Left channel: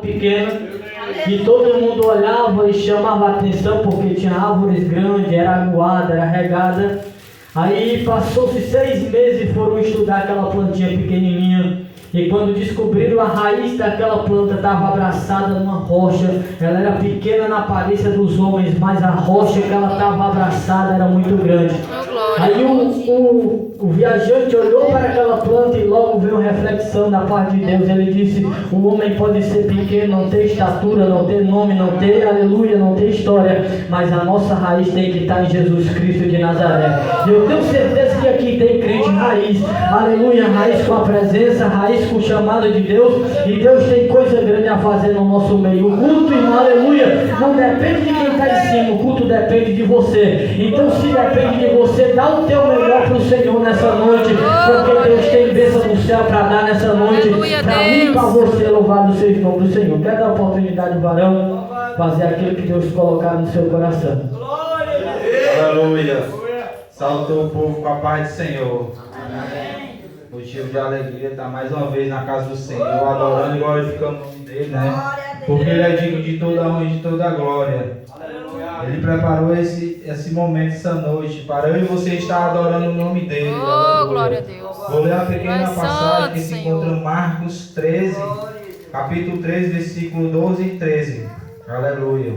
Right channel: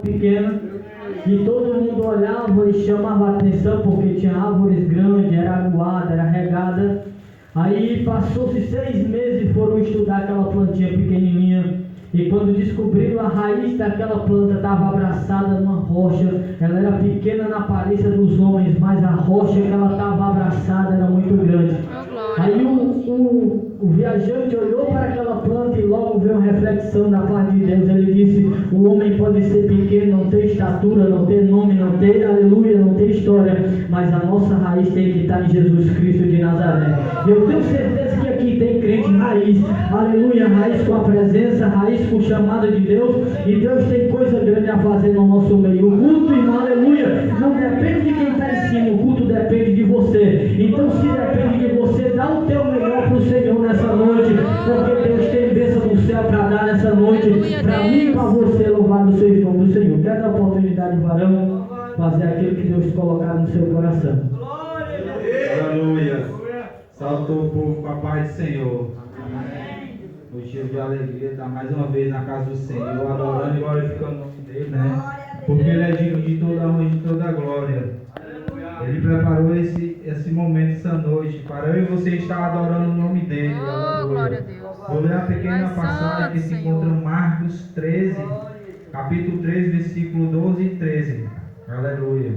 pequena e todo mundo olhava e chamava a atenção porque tinha árvores grandes, era aguada, era regada. Aí passou-se 6 meses e foram estudar aquela plantinha pequenininha. E quando descobriram, a raiz daquela planta estava abraçada numa rocha. Ela era pequena na aparência dos homens, mas a rocha que ela estava abraçada era muito grande. Aí o viajante olhou para aquela planta e logo veio uma reflexão da parte de Deus. Ele disse: o homem pode ser pequeno, não ter estatura, não ter nome, não ter aleluia, não ter história, mas a nossa raiz tem que estar em Jesus Cristo de Nazaré. E eu tenho certeza que aqui tem crente raiz, aleluia, raiz com a presença, raiz com o chamado de Deus. E Deus tem coisa grande a fazer no nosso meio. O culto, irmão, aleluia, não depende de quem está em cima, o culto depende de você. Então, se depende de você, dá o teu melhor para o Senhor nessa noite, porque Deus tem bênção no céu para dar nessa noite, para mim e para você. Louvado seja o nome do Senhor. Quer dar oportunidade, varão, fazer aquilo que Deus colocar no seu coração. Aleluia. Saúde o povo com a paz do Senhor. Amém. Motivo de alegria estar mais uma vez na casa do Senhor, adorando e glorificando o nome dele, né? Porque ele é digno de toda a honra e de toda a glória. Ele preparou esse momento, essa noite, para eu e você estar adorando o nome dele. Oh, glória a Deus. Vou ler uma pequena passagem que se encontra em Marcos 13, capítulo 13, versículo 12 e 13. Aleluia.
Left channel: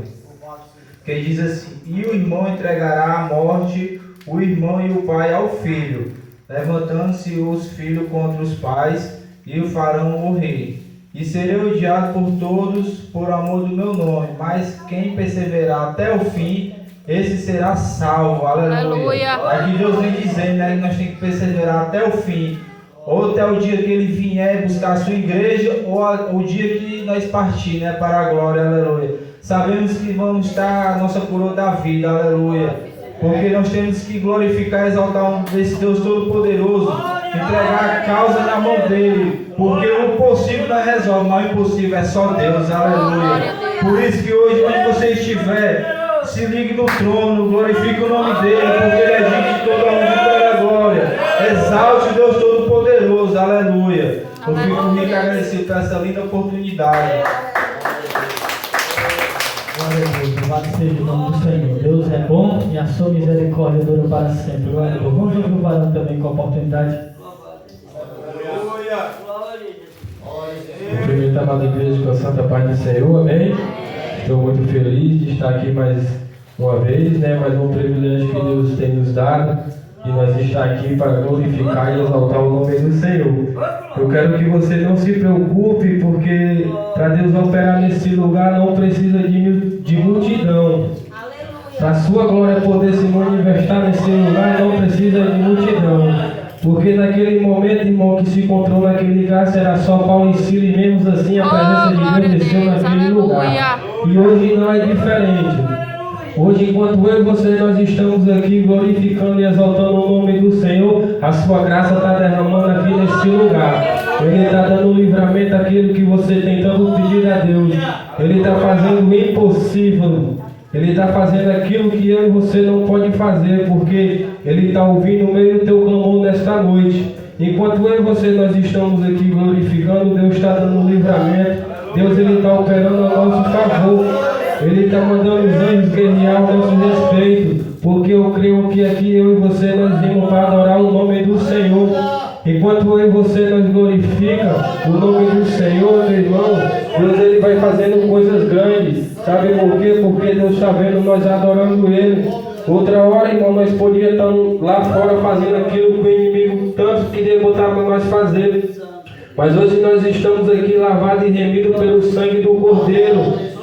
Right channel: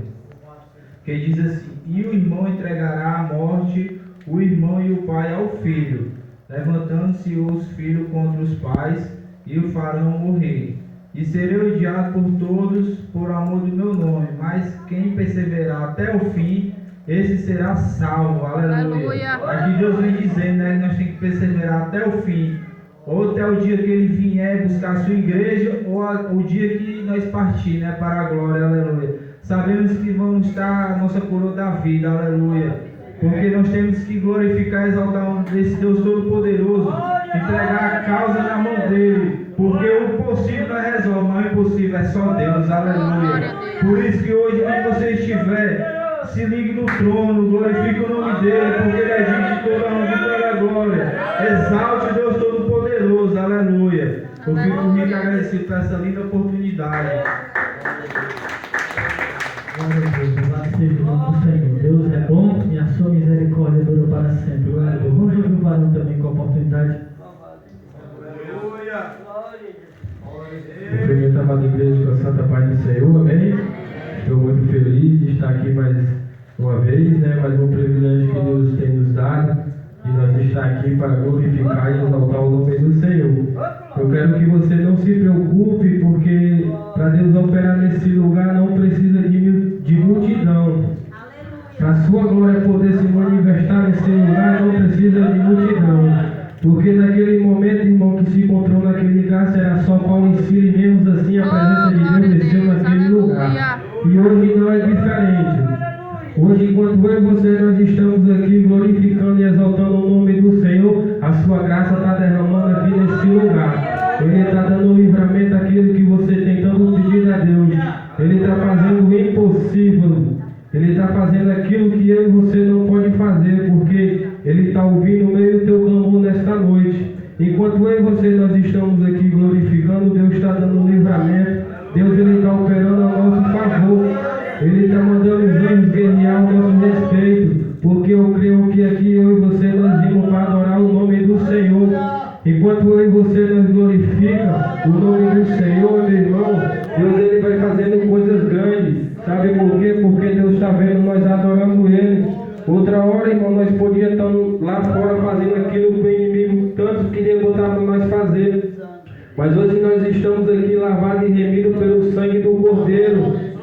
Que diz assim: e o irmão entregará à morte o irmão e o pai ao filho, levantando-se os filhos contra os pais e o farão morrer. E serei odiado por todos por amor do meu nome, mas quem perseverar até o fim, esse será salvo. Aleluia. Aqui Deus vem dizendo, né, que nós temos que perseverar até o fim, ou até o dia que ele vier buscar a sua igreja, ou o dia que nós partir, né, para a glória. Aleluia. Sabemos que vamos estar a nossa coroa da vida. Aleluia. Porque nós temos que glorificar e exaltar esse Deus Todo-Poderoso, entregar a causa na mão dele, porque o possível não resolve, mas o impossível é só Deus. Aleluia. Por isso que hoje, onde você estiver, se ligue no trono, glorifique o nome dele, porque ele é digno de toda a honra e toda a glória. Exalte o Deus Todo-Poderoso. Aleluia. Eu fico muito agradecido por essa linda oportunidade. Glória a Deus, louvado seja o nome do Senhor. Deus é bom e a sua misericórdia dura para sempre. Glória a Deus. Vamos ouvir o varão também com a oportunidade. Cumprimentar a amada igreja com a santa paz do Senhor, amém? Estou muito feliz de estar aqui mais uma vez, né? Mais um privilégio que Deus tem nos dado, e nós estar aqui para glorificar e exaltar o nome do Senhor. Eu quero que você não se preocupe, porque para Deus operar nesse lugar não precisa de multidão. Para a sua glória poder se manifestar nesse lugar não precisa de multidão. Porque naquele momento, irmão, que se encontrou naquele caso, era só Paulo e Silas, e mesmo assim a presença de Deus desceu naquele lugar. E hoje não é diferente. Hoje, enquanto eu e você, nós estamos aqui glorificando e exaltando o nome do Senhor, a sua graça está derramando aqui nesse lugar. Ele está dando livramento àquilo que você tem tanto pedido a Deus. Ele está fazendo o impossível. Ele está fazendo aquilo que eu e você não pode fazer, porque Ele está ouvindo o meio do teu clamor nesta noite. Enquanto eu e você nós estamos aqui glorificando, Deus está dando livramento. Deus ele está operando a nosso favor. Ele está mandando os anjos guerrear ao nosso respeito, porque eu creio que aqui eu e você nós vimos para adorar o nome do Senhor. Enquanto eu e você nós glorifica o nome do Senhor, meu irmão, Deus ele vai fazendo coisas grandes. Sabe por quê? Porque Deus está vendo nós adorando Ele. Outra hora, irmão, nós podíamos estar lá fora fazendo aquilo que o inimigo tanto queria botar para nós fazer. Mas hoje nós estamos aqui lavados e remidos pelo sangue do Cordeiro.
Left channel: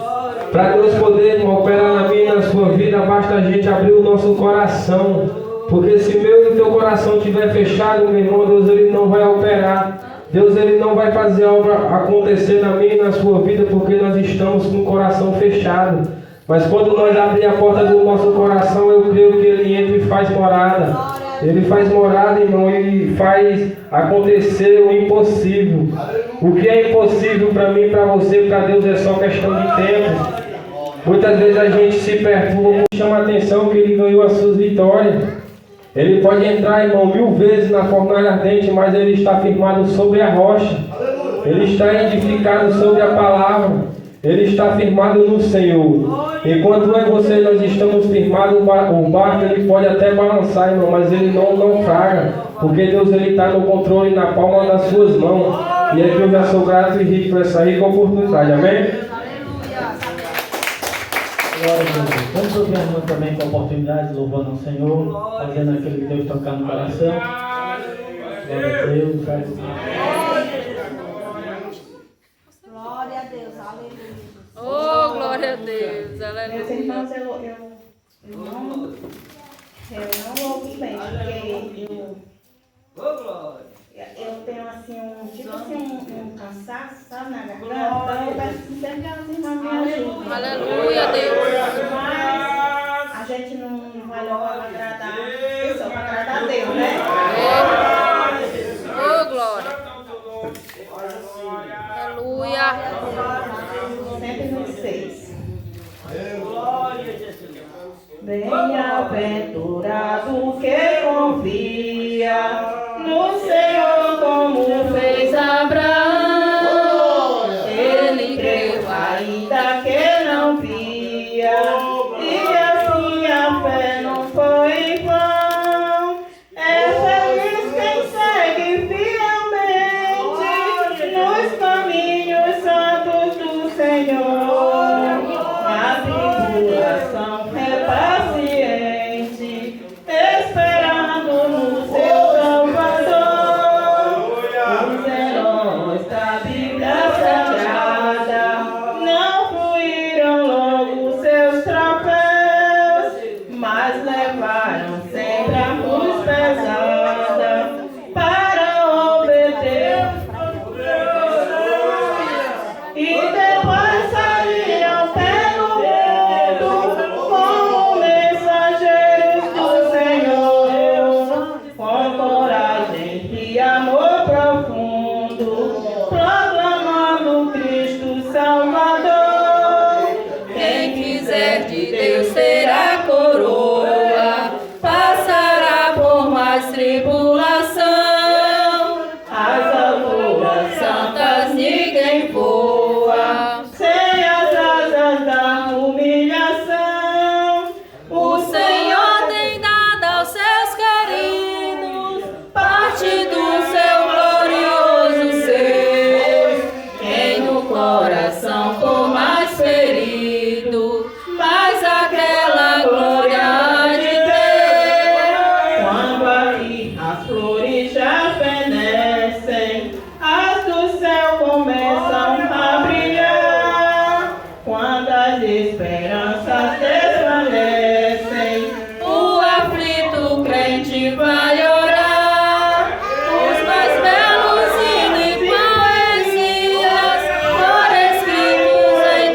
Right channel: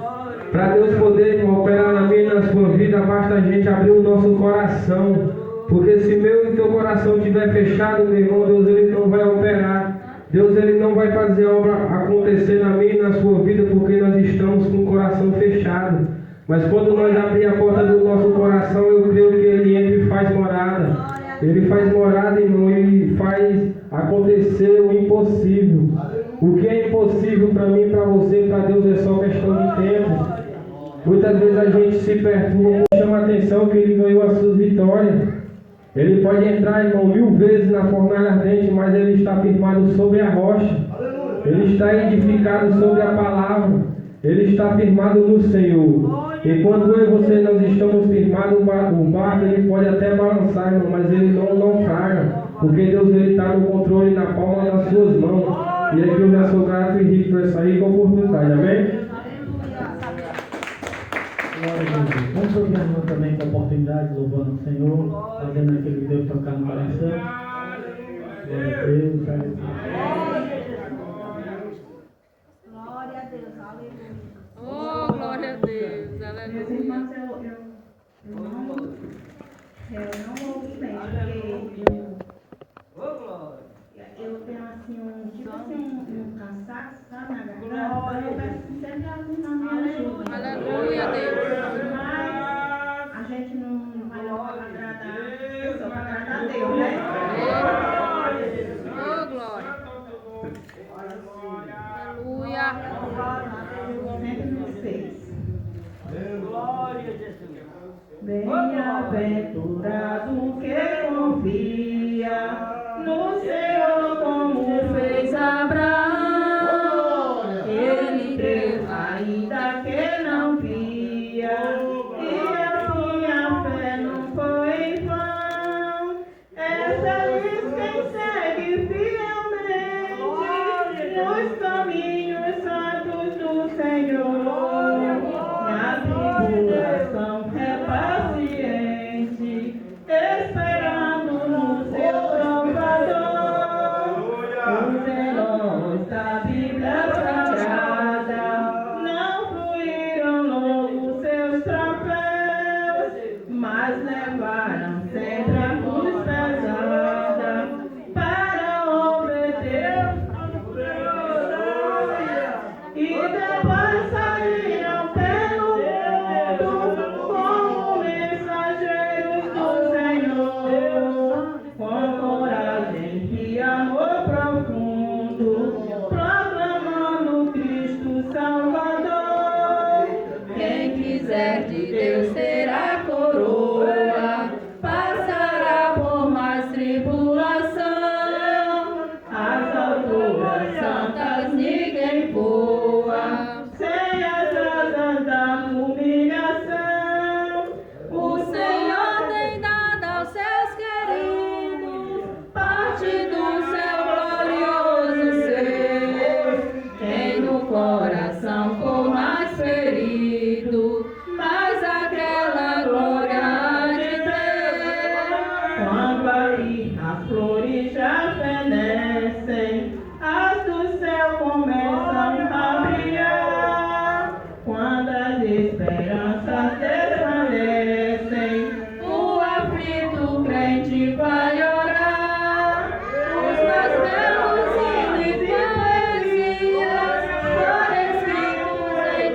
Para Deus poder, irmão, operar na minha e na sua vida, basta a gente abrir o nosso coração. Porque se meu e teu coração estiver fechado, meu irmão, Deus ele não vai operar. Deus ele não vai fazer a obra acontecer na minha e na sua vida, porque nós estamos com o coração fechado. Mas quando nós abrimos a porta do nosso coração, eu creio que ele entra e faz morada. Ele faz morada, irmão, e faz acontecer o impossível. O que é impossível para mim, para você, para Deus é só questão de tempo. Muitas vezes a gente se perturba, chama a atenção que ele ganhou as suas vitórias. Ele pode entrar, irmão, 1000 vezes na fornalha ardente, mas ele está firmado sobre a rocha. ele está edificado sobre a palavra, ele está firmado no Senhor. Enquanto eu e você nós estamos firmados, o barco ele pode até balançar, irmão, mas ele não naufraga, porque Deus ele está no controle, na palma das suas mãos. E aqui eu já sou grato e rico por essa rica oportunidade, amém? Glória a Deus. Vamos ouvir a irmã também com a oportunidade, louvando ao Senhor, fazendo aquilo que Deus tocar no coração. Glória a Deus. Glória a Deus, aleluia. Oh, glória a Deus, Meus aleluia. irmãos, eu não ouvi bem, porque eu tenho assim um cansaço, sabe, na garganta, eu peço que sempre as irmãs me ajudem. Aleluia, Deus. Mas a gente não vai logo agradar a pessoa, para agradar a Deus, né? Oh, glória. Aleluia. 106. Bem-aventurado que confia no Senhor como fez Abraão. Ele creu ainda que não via, e assim a fé não foi em vão. É feliz quem segue fielmente nos caminhos santos do Senhor. Na tribulação é paciente, esperando no seu Salvador. Os heróis da Bíblia Sagrada não fluíram logo seus troféus, mas levaram sempre a cruz pesada para obter. E depois saíram pelo mundo como mensageiros do Senhor, com coragem e amor profundo, proclamando Cristo Salvador. Quem quiser de Deus terá coroa, passará por mais tribulação. As alturas santas ninguém voa, sem as asas da humilhação. O Senhor tem dado aos seus queridos parte do seu glorioso ser. Quem no coração for mais ferido, mais aquela glória há de ter. Quando aqui as flores já fenecem, as do céu começam a brilhar. Quando as esperanças desvanecem, o aflito crente vai orar. Os mais belos hinos e poesias foram escritos em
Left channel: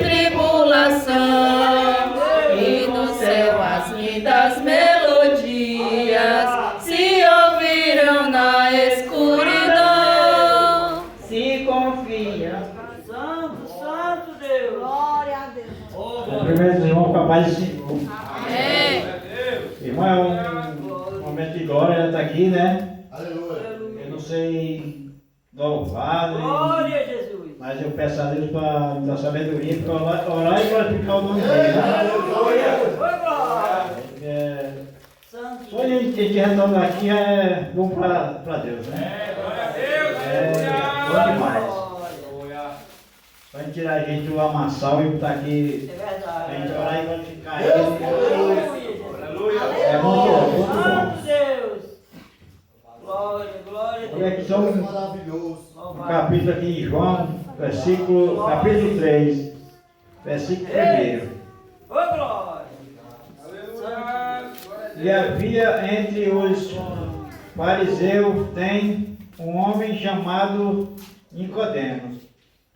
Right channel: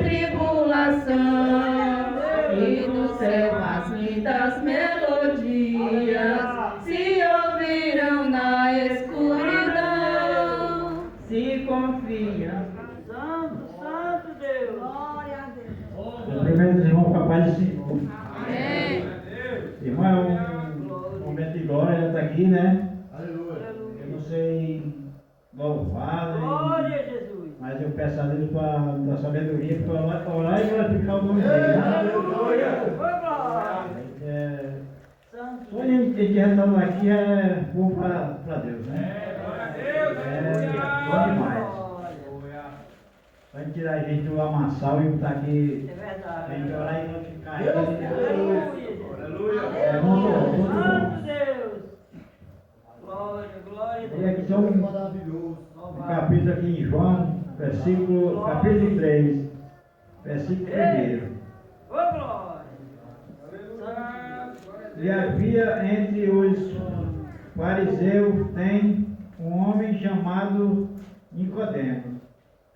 tribulação, e no céu as lindas melodias se ouviram na escuridão. Se confia. Santo Deus. Glória a Deus. Primeiro, irmão, com a paz do Senhor. Amém. Irmão, é um momento de glória, ela está aqui, né? Eu não sei louvar, né? Glória a Jesus. Mas eu peço a Deus para me dar sabedoria, para orar e glorificar o nome dele, né? É, só a gente retornar aqui é bom para Deus, né? É bom demais. Para tirar a gente do amassal e botar aqui, É verdade. para a gente orar e glorificar ele. É bom, Santo bom. Deus. Glória, glória a Olha Deus. aqui só um capítulo aqui em João, capítulo 3, versículo 1. Ô, glória. E havia entre os fariseus tem um homem chamado Nicodemos,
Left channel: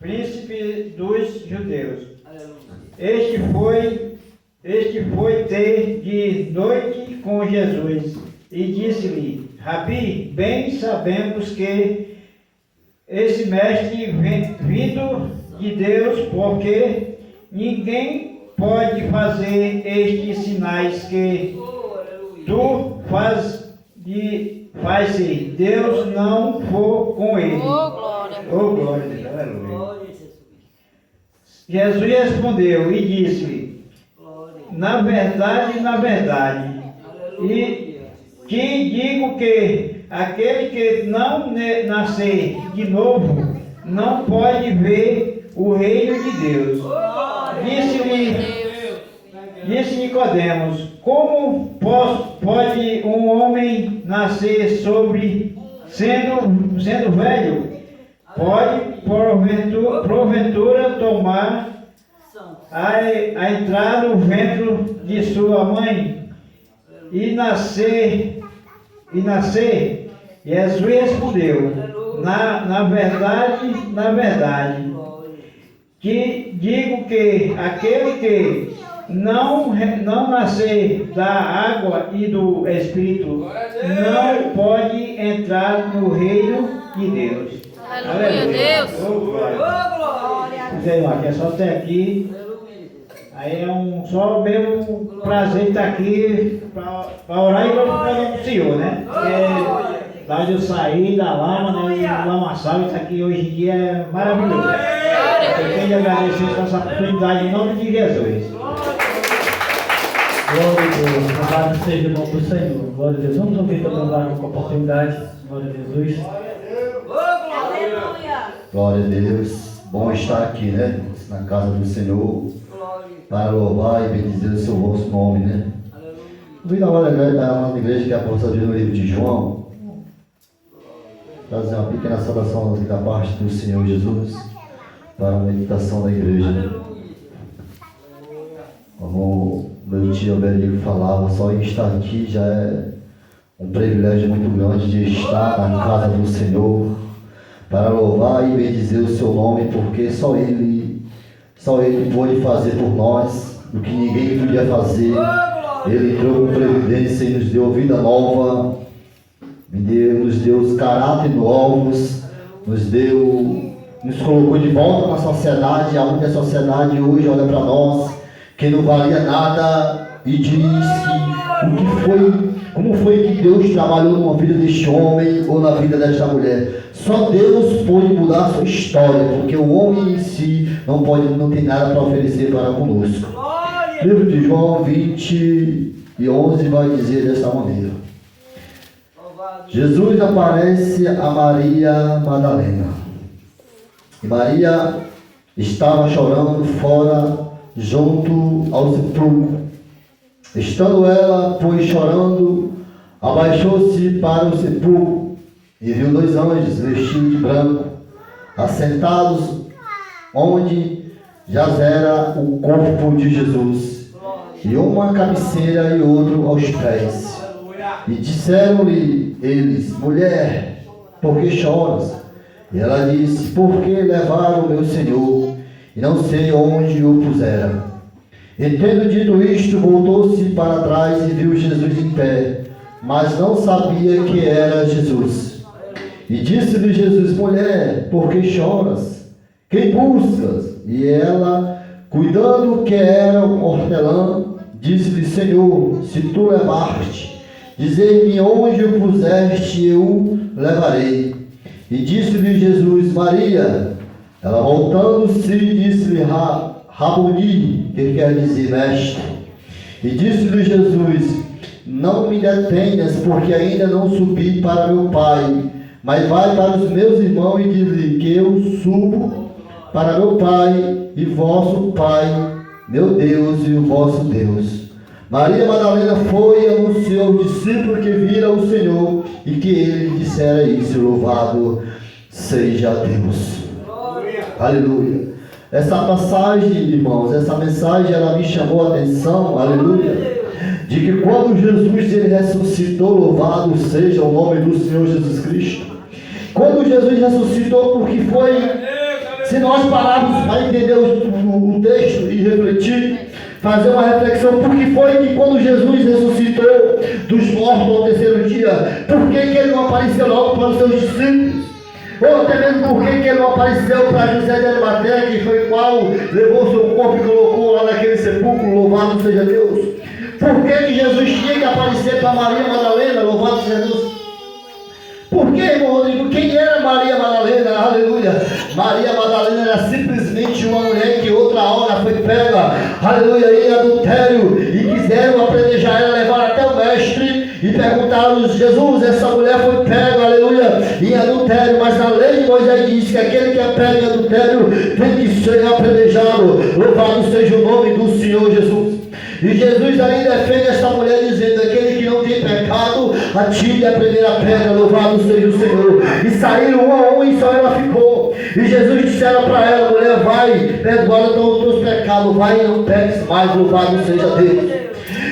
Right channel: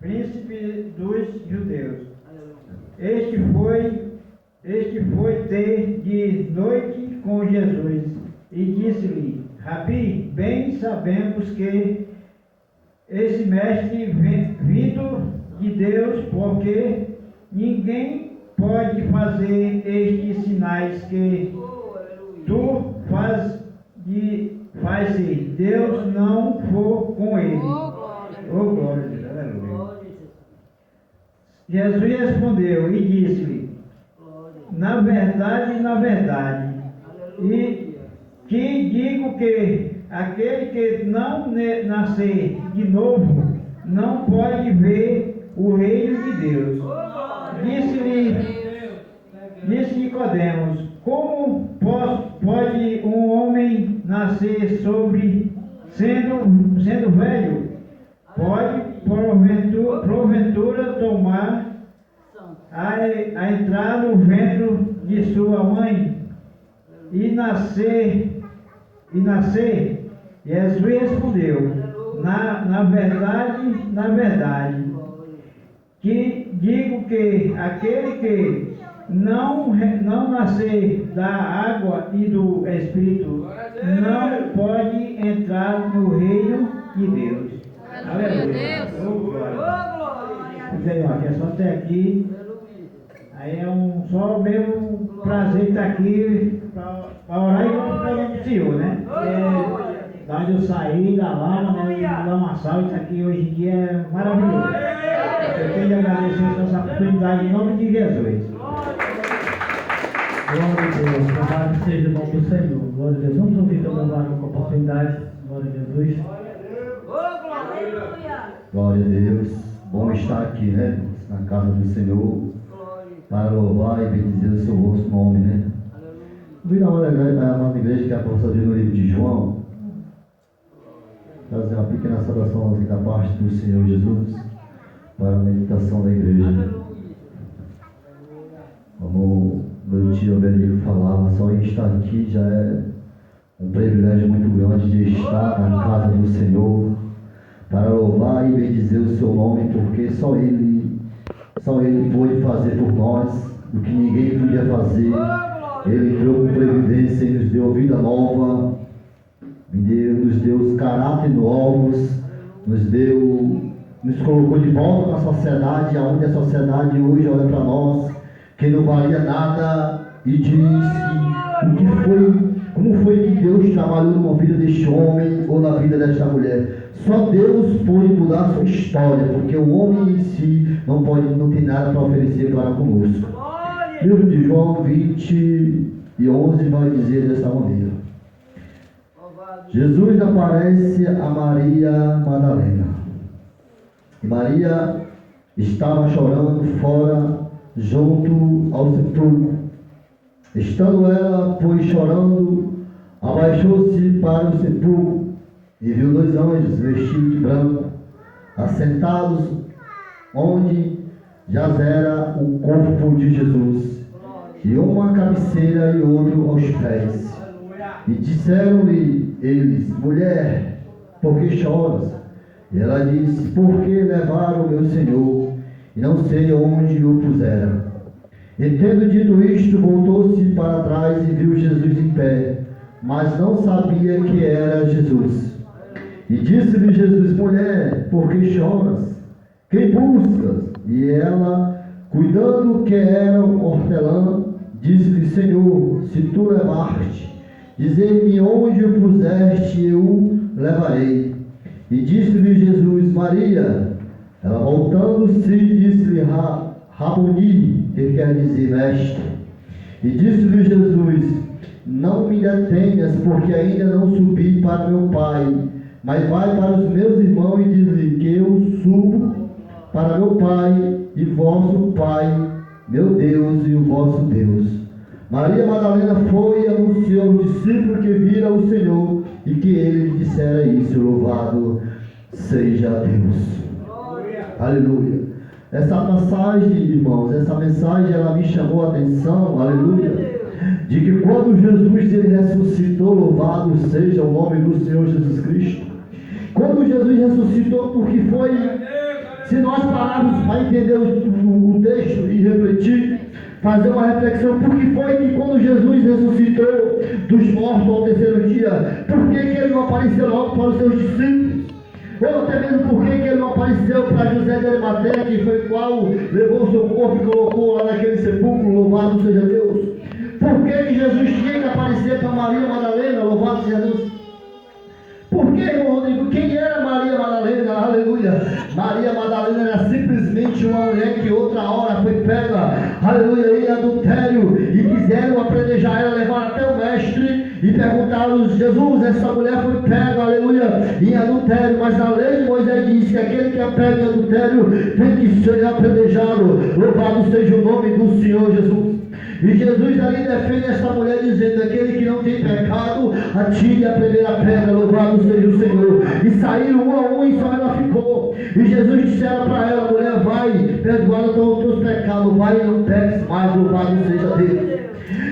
príncipe dos judeus. Este foi ter de noite com Jesus e disse-lhe: Rabi, bem sabemos que esse mestre vindo de Deus, porque ninguém pode fazer estes sinais que tu faz se Deus não for com ele. Oh, glória. Oh, glória. Aleluia. Glória a Jesus. Jesus respondeu e disse: Glória. na verdade, Aleluia. te digo que aquele que não nascer de novo não pode ver o reino de Deus. Disse Nicodemos: como pode um homem nascer sendo velho? Pode porventura tomar a entrar no ventre de sua mãe e nascer? Jesus respondeu: na verdade, que digo que aquele que não nascer da água e do Espírito não pode entrar no reino de Deus. Aleluia, Deus. Oh, glória. Glória. Dizendo, ó, que é só até aqui. Aí é só mesmo prazer de estar aqui para orar e glorificar o Senhor, né? Porque da onde eu saí da lama, né? Do lamaçal, isso aqui hoje em dia é maravilhoso. Eu tenho de agradecer por essa oportunidade em nome de Jesus. Glória a Deus, louvado seja o nome do Senhor. Glória a Deus. Vamos ouvir também com a oportunidade. Glória a Jesus. Glória a Deus. Bom estar aqui, né? Na casa do Senhor. Para louvar e bendizer o seu vosso nome, né? Convido a amada igreja que é a possa ver no livro de João. Trazer uma pequena saudação da parte do Senhor Jesus para a meditação da igreja, né? Como meu tio Berico falava, só em estar aqui já é um privilégio muito grande de estar na casa do Senhor para louvar e bendizer o seu nome, porque só Ele pôde fazer por nós o que ninguém podia fazer. Ele entrou com previdência e nos deu vida nova, nos deu os caráteres novos, nos colocou de volta na sociedade, aonde a sociedade hoje olha para nós, que não valia nada, e diz como foi que Deus trabalhou na vida deste homem ou na vida desta mulher. Só Deus pode mudar a sua história, porque o homem em si não tem nada para oferecer para conosco. Livro de João 20:11 vai dizer dessa maneira: Jesus aparece a Maria Madalena. E Maria estava chorando fora, junto ao sepulcro. Estando ela, pois, chorando, abaixou-se para o sepulcro e viu 2 anjos vestidos de branco, assentados onde jazera o corpo de Jesus, e uma cabeceira e outro aos pés. E disseram-lhe eles: mulher, por que choras? E ela disse: porque levaram o meu Senhor, e não sei onde o puseram. E tendo dito isto, voltou-se para trás e viu Jesus em pé, mas não sabia que era Jesus. E disse-lhe Jesus: mulher, por que choras? Quem buscas? E ela, cuidando que era um hortelã, disse-lhe: Senhor, se tu levaste, dizei-me onde o puseste, eu o levarei. E disse-lhe Jesus: Maria. Ela, voltando-se, disse-lhe: Raboni, que quer dizer mestre. E disse-lhe Jesus: não me detenhas, porque ainda não subi para meu Pai, mas vai para os meus irmãos e diz-lhe que eu subo para meu Pai e vosso Pai, meu Deus e o vosso Deus. Maria Madalena foi e anunciou ao discípulo que vira o Senhor e que ele dissera isso. Louvado seja Deus. Aleluia. Essa passagem, irmãos, essa mensagem, ela me chamou a atenção, aleluia, de que quando Jesus ele ressuscitou, louvado seja o nome do Senhor Jesus Cristo. Quando Jesus ressuscitou, porque foi, se nós pararmos para entender o texto e refletir, fazer uma reflexão, porque foi que quando Jesus ressuscitou dos mortos ao terceiro dia, por que ele não apareceu logo para os seus discípulos? Ou até mesmo por que ele não apareceu para José de Arimateia, que foi o qual levou seu corpo e colocou lá naquele sepulcro, louvado seja Deus? Por que Jesus tinha que aparecer para Maria Madalena, louvado seja Deus? Por que, irmão Rodrigo? Quem era Maria Madalena? Aleluia! Maria Madalena aleluia, em adultério, e quiseram apedrejar ela, levar até o mestre, e perguntaram: Jesus, essa mulher foi pega, aleluia, em adultério, mas na lei de Moisés diz que aquele que é pego em adultério tem que ser apedrejado. Louvado seja o nome do Senhor Jesus. E Jesus aí defende esta mulher dizendo: aquele que não tem pecado, atire a primeira pedra. Louvado seja o Senhor. E saíram um a um e só ela ficou. E Jesus disseram para ela: mulher, vai, perdoada estão os teus pecados, vai e não peques mais. Louvado seja Deus.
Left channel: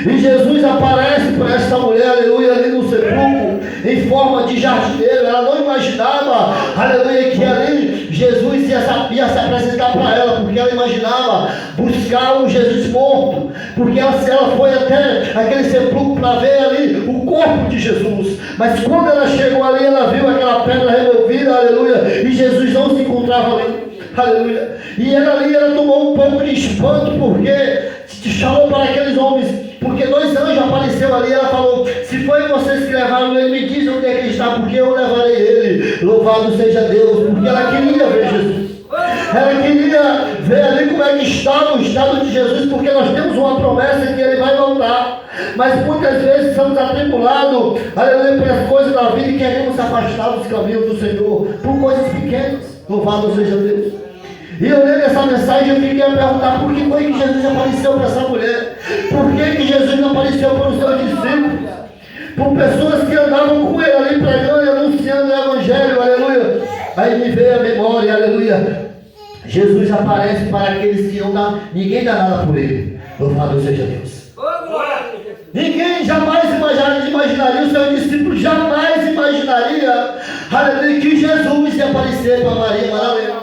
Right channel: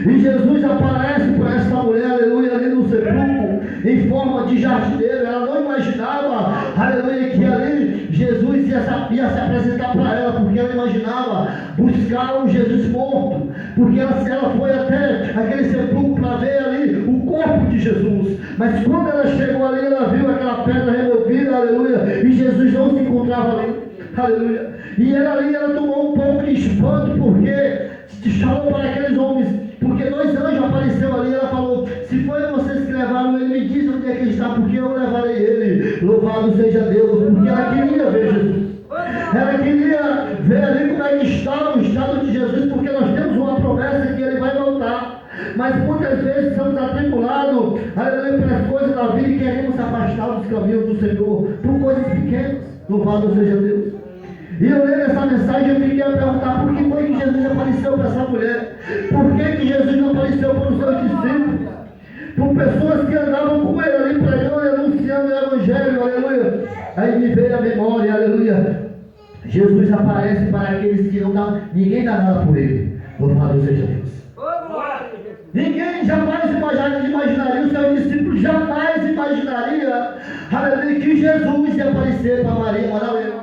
E Jesus aparece para esta mulher, aleluia, ali no sepulcro, em forma de jardineiro. Ela não imaginava, aleluia, que ali Jesus ia se apresentar para ela, porque ela imaginava buscar um Jesus morto, porque ela foi até aquele sepulcro para ver ali o corpo de Jesus. Mas quando ela chegou ali, ela viu aquela pedra removida, aleluia, e Jesus não se encontrava ali, aleluia. E ela tomou um pouco de espanto, porque chamou para aqueles homens, porque 2 anjos apareceram ali. Ela falou: se foi vocês que levaram ele, me diz onde é que ele está, porque eu levarei ele. Louvado seja Deus, porque ela queria ver Jesus. Ela queria ver ali como é que estava o estado de Jesus, porque nós temos uma promessa que ele vai voltar. Mas muitas vezes somos atribulados, aleluia, pelas coisas da vida, e queremos se afastar dos caminhos do Senhor por coisas pequenas. Louvado seja Deus. E eu lendo essa mensagem, eu fiquei a perguntar: por que foi que Jesus apareceu para essa mulher? Por que Jesus não apareceu para os seus discípulos? Por pessoas que andavam com ele ali pregando e anunciando o Evangelho, aleluia. Aí me veio a memória, aleluia. Jesus aparece para aqueles que não dá, ninguém dá nada por ele. Louvado seja Deus. Ninguém jamais imaginaria, o seu discípulo jamais imaginaria, aleluia, que Jesus ia aparecer para Maria Madalena.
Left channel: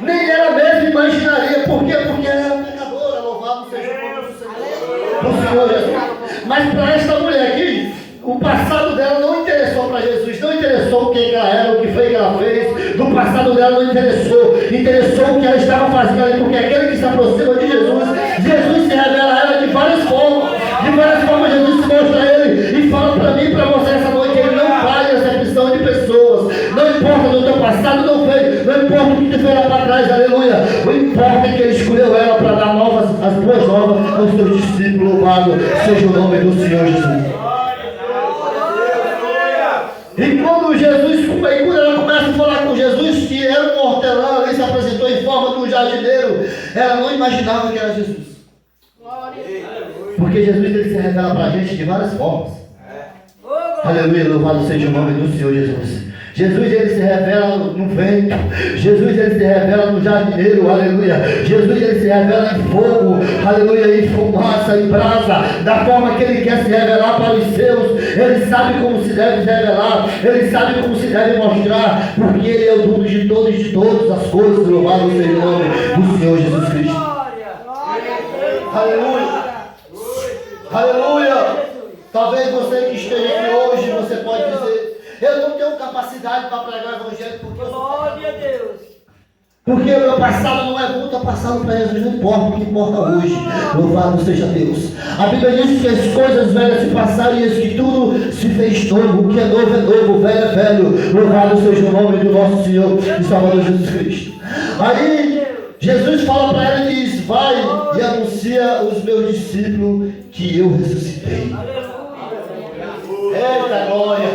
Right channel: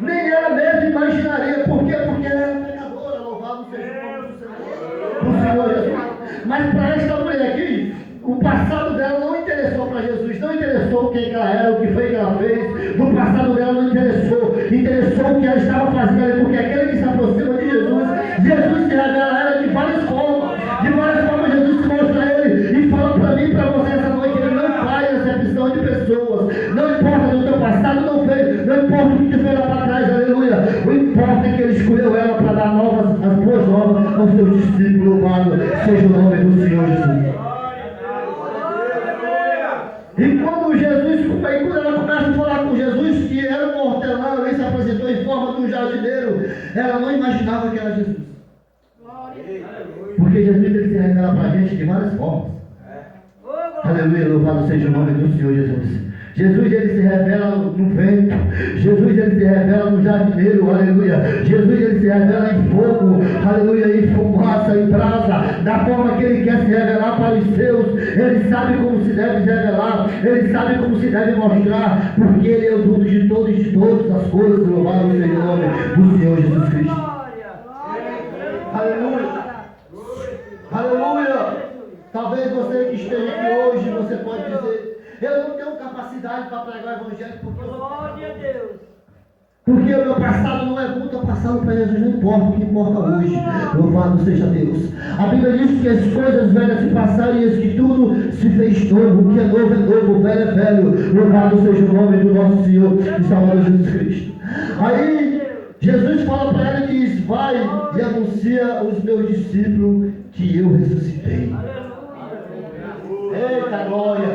Nem ela mesma imaginaria. Por quê? Porque ela era pecadora. Louvado seja o nome do Senhor Jesus. Mas para esta mulher aqui, o passado dela não interessou para Jesus. Não interessou o que ela era, o que foi que ela fez. Do passado dela não interessou. Interessou o que ela estava fazendo ali. Porque aquele que se aproxima de Jesus, Jesus se revela a ela de várias formas. De várias formas Jesus se mostra a ele. E fala para mim e para você essa noite: ele não faz acepção de pessoas. Não importa do teu passado, não importa o que te fez lá para trás, aleluia. O importa é que ele escolheu ela para dar as boas novas aos seus discípulos. Louvado seja o nome do Senhor Jesus. E quando ela começa a falar com Jesus, que era um hortelã, ele se apresentou em forma de um jardineiro, ela não imaginava que era Jesus. Porque Jesus ele se revela para a gente de várias formas. Aleluia, louvado seja o nome do Senhor Jesus. Jesus ele se revela no vento. Jesus ele se revela no jardineiro, aleluia. Jesus ele se revela em fogo, aleluia, em fumaça, em brasa, da forma que ele quer se revelar para os seus. Ele sabe como se deve revelar, ele sabe como se deve mostrar, porque ele é o dono de todas as coisas. Louvado seja o nome do Senhor Jesus Cristo. Aleluia, aleluia. Talvez você que esteja aqui hoje, você pode dizer: eu não tenho capacidade para pregar o Evangelho, porque glória a Deus. Porque o meu passado não é muito passado para Jesus, não importa, o que importa hoje. Louvado seja Deus. A Bíblia diz que as coisas velhas se passaram e que tudo se fez novo. O que é novo é novo, o velho é velho. Louvado seja o nome do nosso Senhor e Salvador Jesus Cristo. Aí Jesus fala para ela e diz: vai e anuncia aos meus discípulos que eu ressuscitei. Eita glória!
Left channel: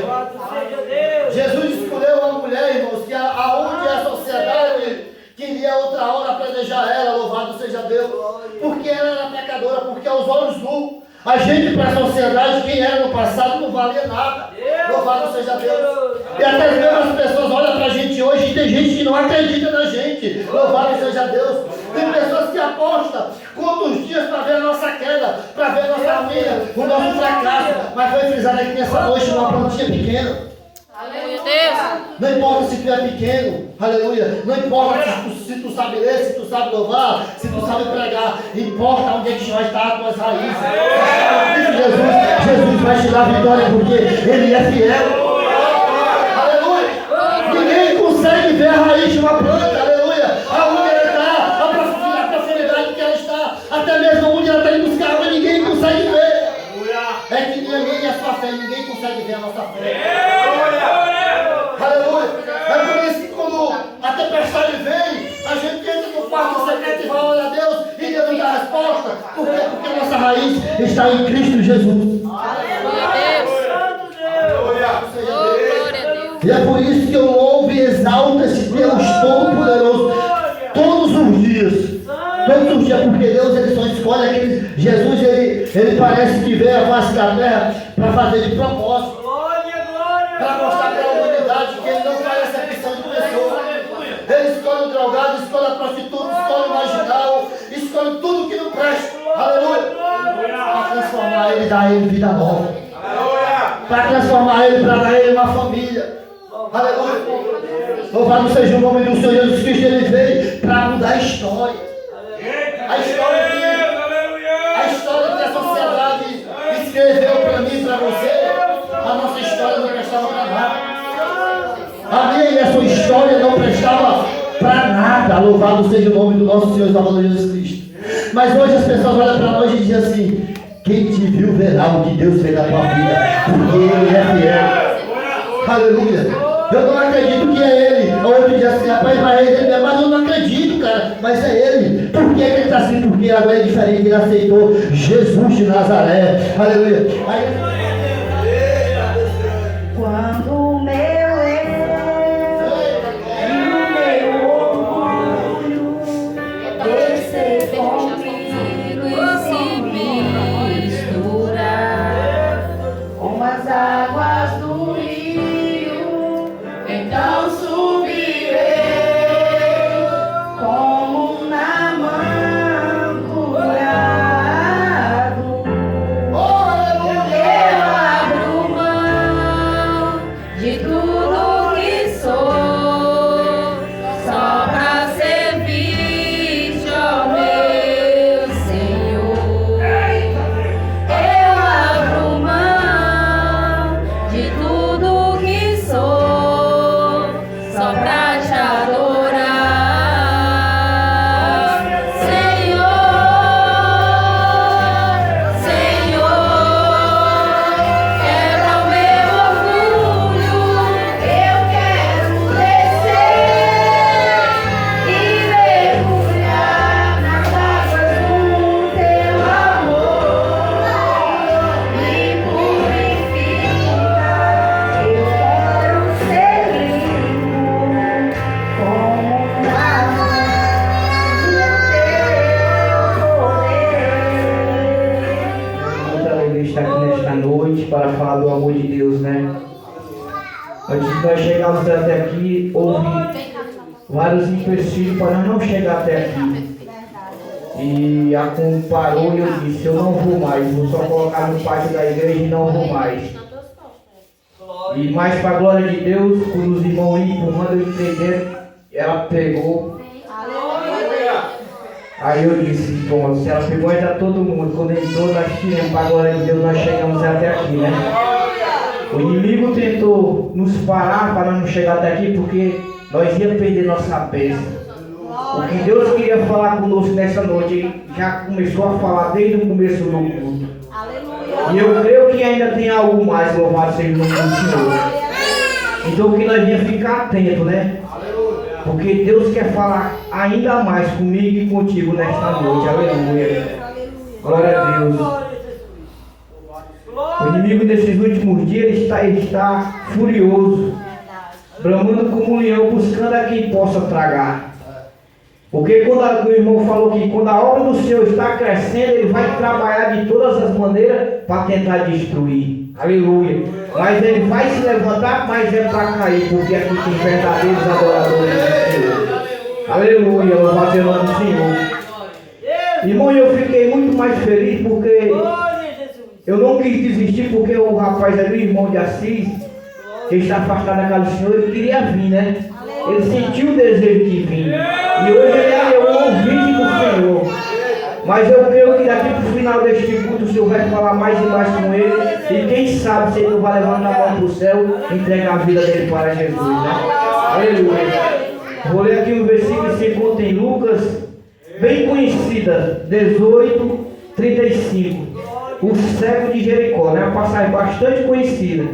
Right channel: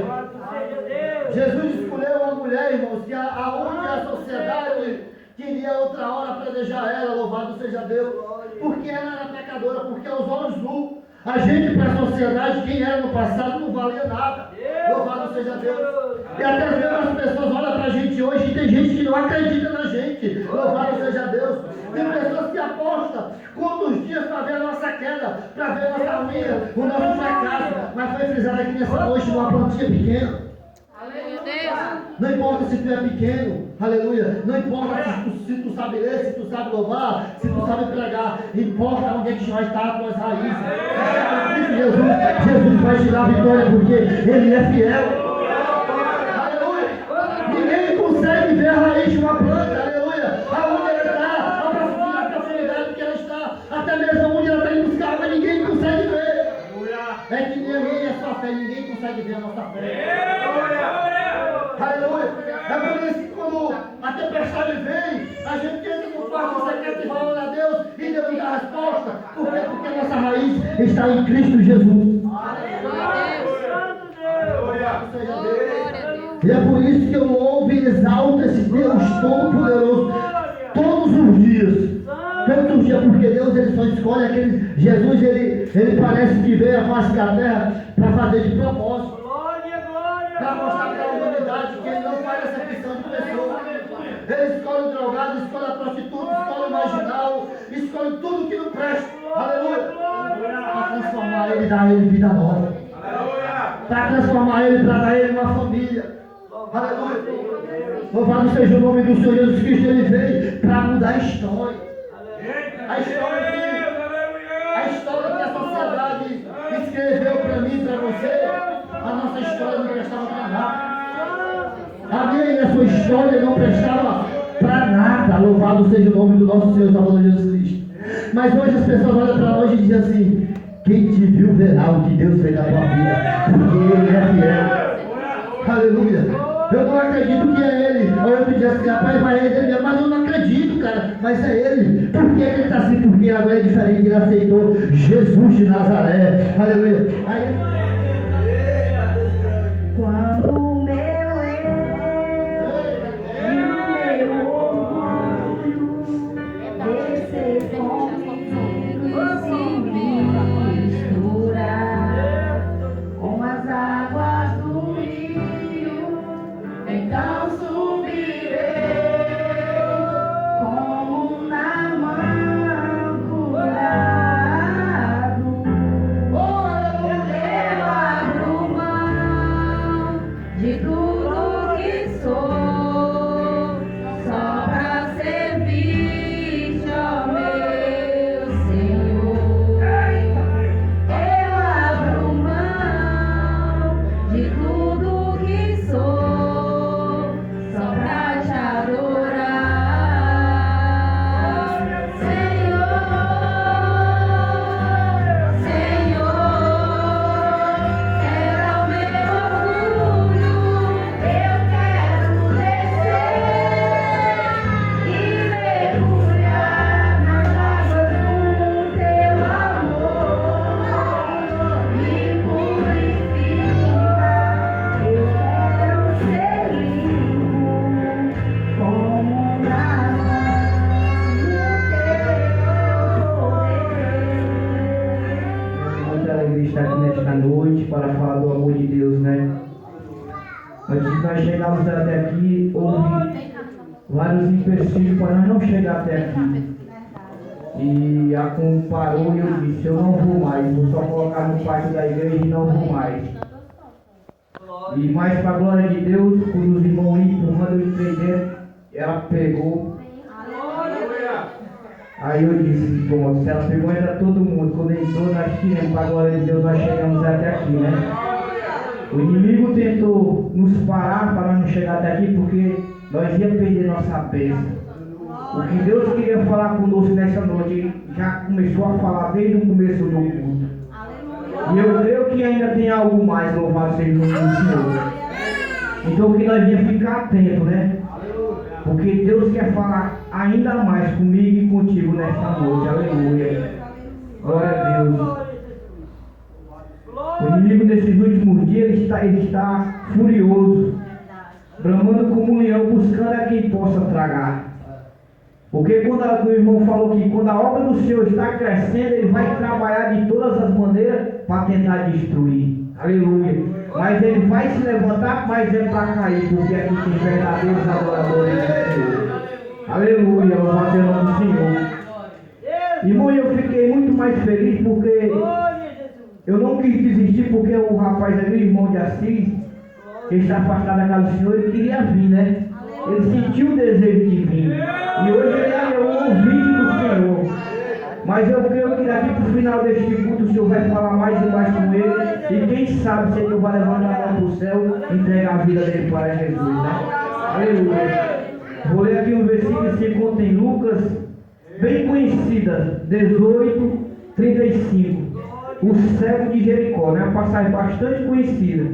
Jesus escolheu uma mulher, irmãos, que aonde a sociedade queria outra hora apedrejar ela. Louvado seja Deus, porque ela era pecadora, porque aos olhos nus, a gente para a sociedade, quem era no passado não valia nada. Louvado seja Deus. E até mesmo as pessoas olham para a gente hoje e tem gente que não acredita na gente. Louvado seja Deus. Tem pessoas que apostam quantos dias para ver a nossa queda, para ver a nossa ruína, o nosso fracasso. Mas foi frisado aqui nessa noite uma plantinha pequena. Aleluia, Deus. Não importa se tu é pequeno, aleluia. Não importa se tu sabe ler, se tu sabe louvar, se tu sabe pregar. Importa onde é que vai estar as tuas raízes. Jesus vai te dar vitória, porque Ele é fiel. Aleluia. Ninguém consegue ver a raiz de uma planta, aleluia. Aonde ela está, a profundidade que ela está, até mesmo onde ela está indo buscar água, ninguém consegue ver. É que ninguém é a sua fé, ninguém consegue ver a nossa fé. Aleluia. É por isso que quando a tempestade vem, a gente entra no quarto secreto e fala: olha a Deus, e Deus nos dá a resposta. resposta. Por quê? Porque a nossa raiz está em Cristo Jesus. E é por isso que eu louvo e exalto esse Deus Todo-Poderoso todos os dias. Todos os dias, porque Deus ele só escolhe aqueles. Jesus ele parece que veio à face da terra para fazer de propósito. Para mostrar para a humanidade que ele não faz acepção de pessoas. Ele escolhe o drogado, escolhe a prostituta, escolhe o marginal, escolhe tudo que não presta. Aleluia! Para transformar ele, dar ele vida nova. Para transformar ele, para dar ele uma família. Aleluia! Louvado seja o nome do Senhor Jesus Cristo. Ele veio para mudar a história. A história que a sociedade escreveu para mim e para você. A nossa história não prestava para nada. A minha e a sua história não prestava para nada. Louvado seja o nome do nosso Senhor Salvador Jesus Cristo. Mas hoje as pessoas olham para nós e dizem assim: quem te viu verá o que Deus fez na tua vida, porque Ele é fiel. Aleluia. Eu não acredito que é Ele. O outro diz assim: rapaz, mas eu não acredito, cara. Mas é Ele. Por que Ele está assim? Porque agora é diferente. Ele aceitou Jesus de Nazaré. Aleluia. Quando o meu orgulho descer comigo e se misturar com as águas do rio, então subirei como Naamã curado. Eu abro mão de tudo que sou, só pra servir-te, ó meu Senhor. Eu abro mão de tudo que sou, só pra te adorar, Senhor. Senhor, quebra o meu orgulho, eu quero descer e mergulhar nas águas do teu amor. Me purifica, eu quero ser limpo como Naamã no teu poder. Muita alegria estar aqui nesta noite para falar do amor de Deus, né? Antes de nós chegarmos até aqui, houve vários empecilhos para nós não chegar até aqui. E a Cum parou e eu disse: eu não vou mais, vou só colocar no pátio da igreja e não vou mais. E mais para a glória de Deus, quando os irmãos iam empurrando, eu entrei dentro, ela pegou. Aí eu disse: bom, se ela pegou, entra todo mundo. Quando entrou, nós tiramos para a glória de Deus, nós chegamos até aqui, né? O inimigo tentou nos parar para nós não chegar até aqui, porque nós íamos perder nossa bênção. O que Deus queria falar conosco nessa noite, Ele já começou a falar desde o começo do culto. E eu creio que ainda tem algo mais, louvado seja o nome do Senhor. Então que nós devemos ficar atentos, né? Porque Deus quer falar ainda mais comigo e contigo nesta noite. Aleluia. Glória a Deus. O inimigo nesses últimos dias ele está furioso, bramando como um leão, buscando a quem possa tragar. Porque quando o irmão falou que quando a obra do Senhor está crescendo, ele vai trabalhar de todas as maneiras para tentar destruir. Aleluia. Mas ele vai se levantar, mas é para cair, porque aqui tem verdadeiros adoradores do Senhor. Aleluia. Louvado seja o nome do Senhor. Irmão, eu fiquei muito mais feliz porque eu não quis desistir, porque o rapaz ali, o irmão de Assis, que está afastado da casa do Senhor, ele queria vir, né? Ele sentiu o desejo de vir. E hoje ele é o ouvinte do Senhor. Mas eu creio que daqui para o final deste culto o Senhor vai falar mais e mais com ele. E quem sabe se ele não vai levantar a mão para o céu e entregar a vida dele para Jesus, né? Aleluia. Vou ler aqui um versículo que se encontra em Lucas, bem conhecida, 18:35. O cego de Jericó, né? Uma passagem bastante conhecida.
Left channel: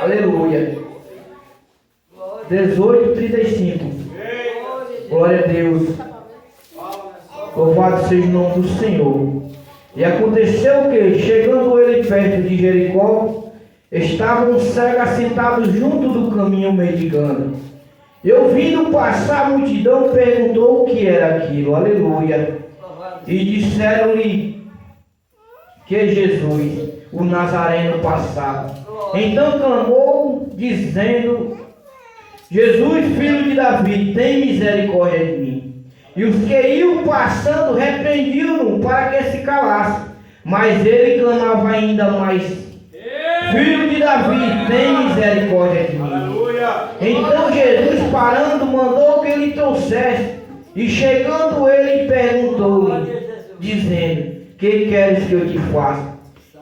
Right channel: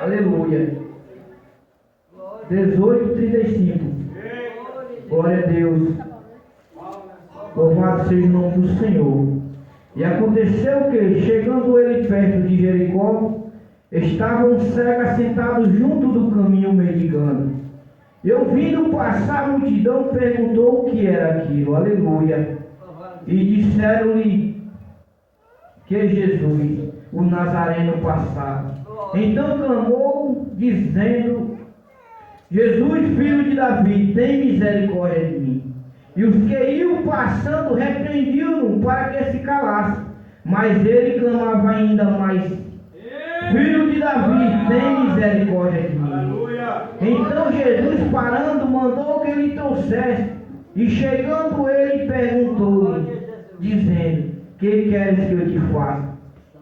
Aleluia. 18:35. Glória a Deus. Louvado Louvado seja o nome do Senhor. E aconteceu que, chegando ele perto de Jericó, estava um cego assentado junto do caminho mendigando. E ouvindo passar a multidão, perguntou o que era aquilo. Aleluia. E disseram-lhe que Jesus, o Nazareno, passava. Então clamou, dizendo: Jesus, filho de Davi, tem misericórdia de mim. E os que iam passando repreendiam-no para que se calasse. Mas ele clamava ainda mais: Filho de Davi, tem misericórdia de mim. Então Jesus, parando, mandou que ele trouxesse. E chegando ele, perguntou-lhe, dizendo: Que queres que eu te faça?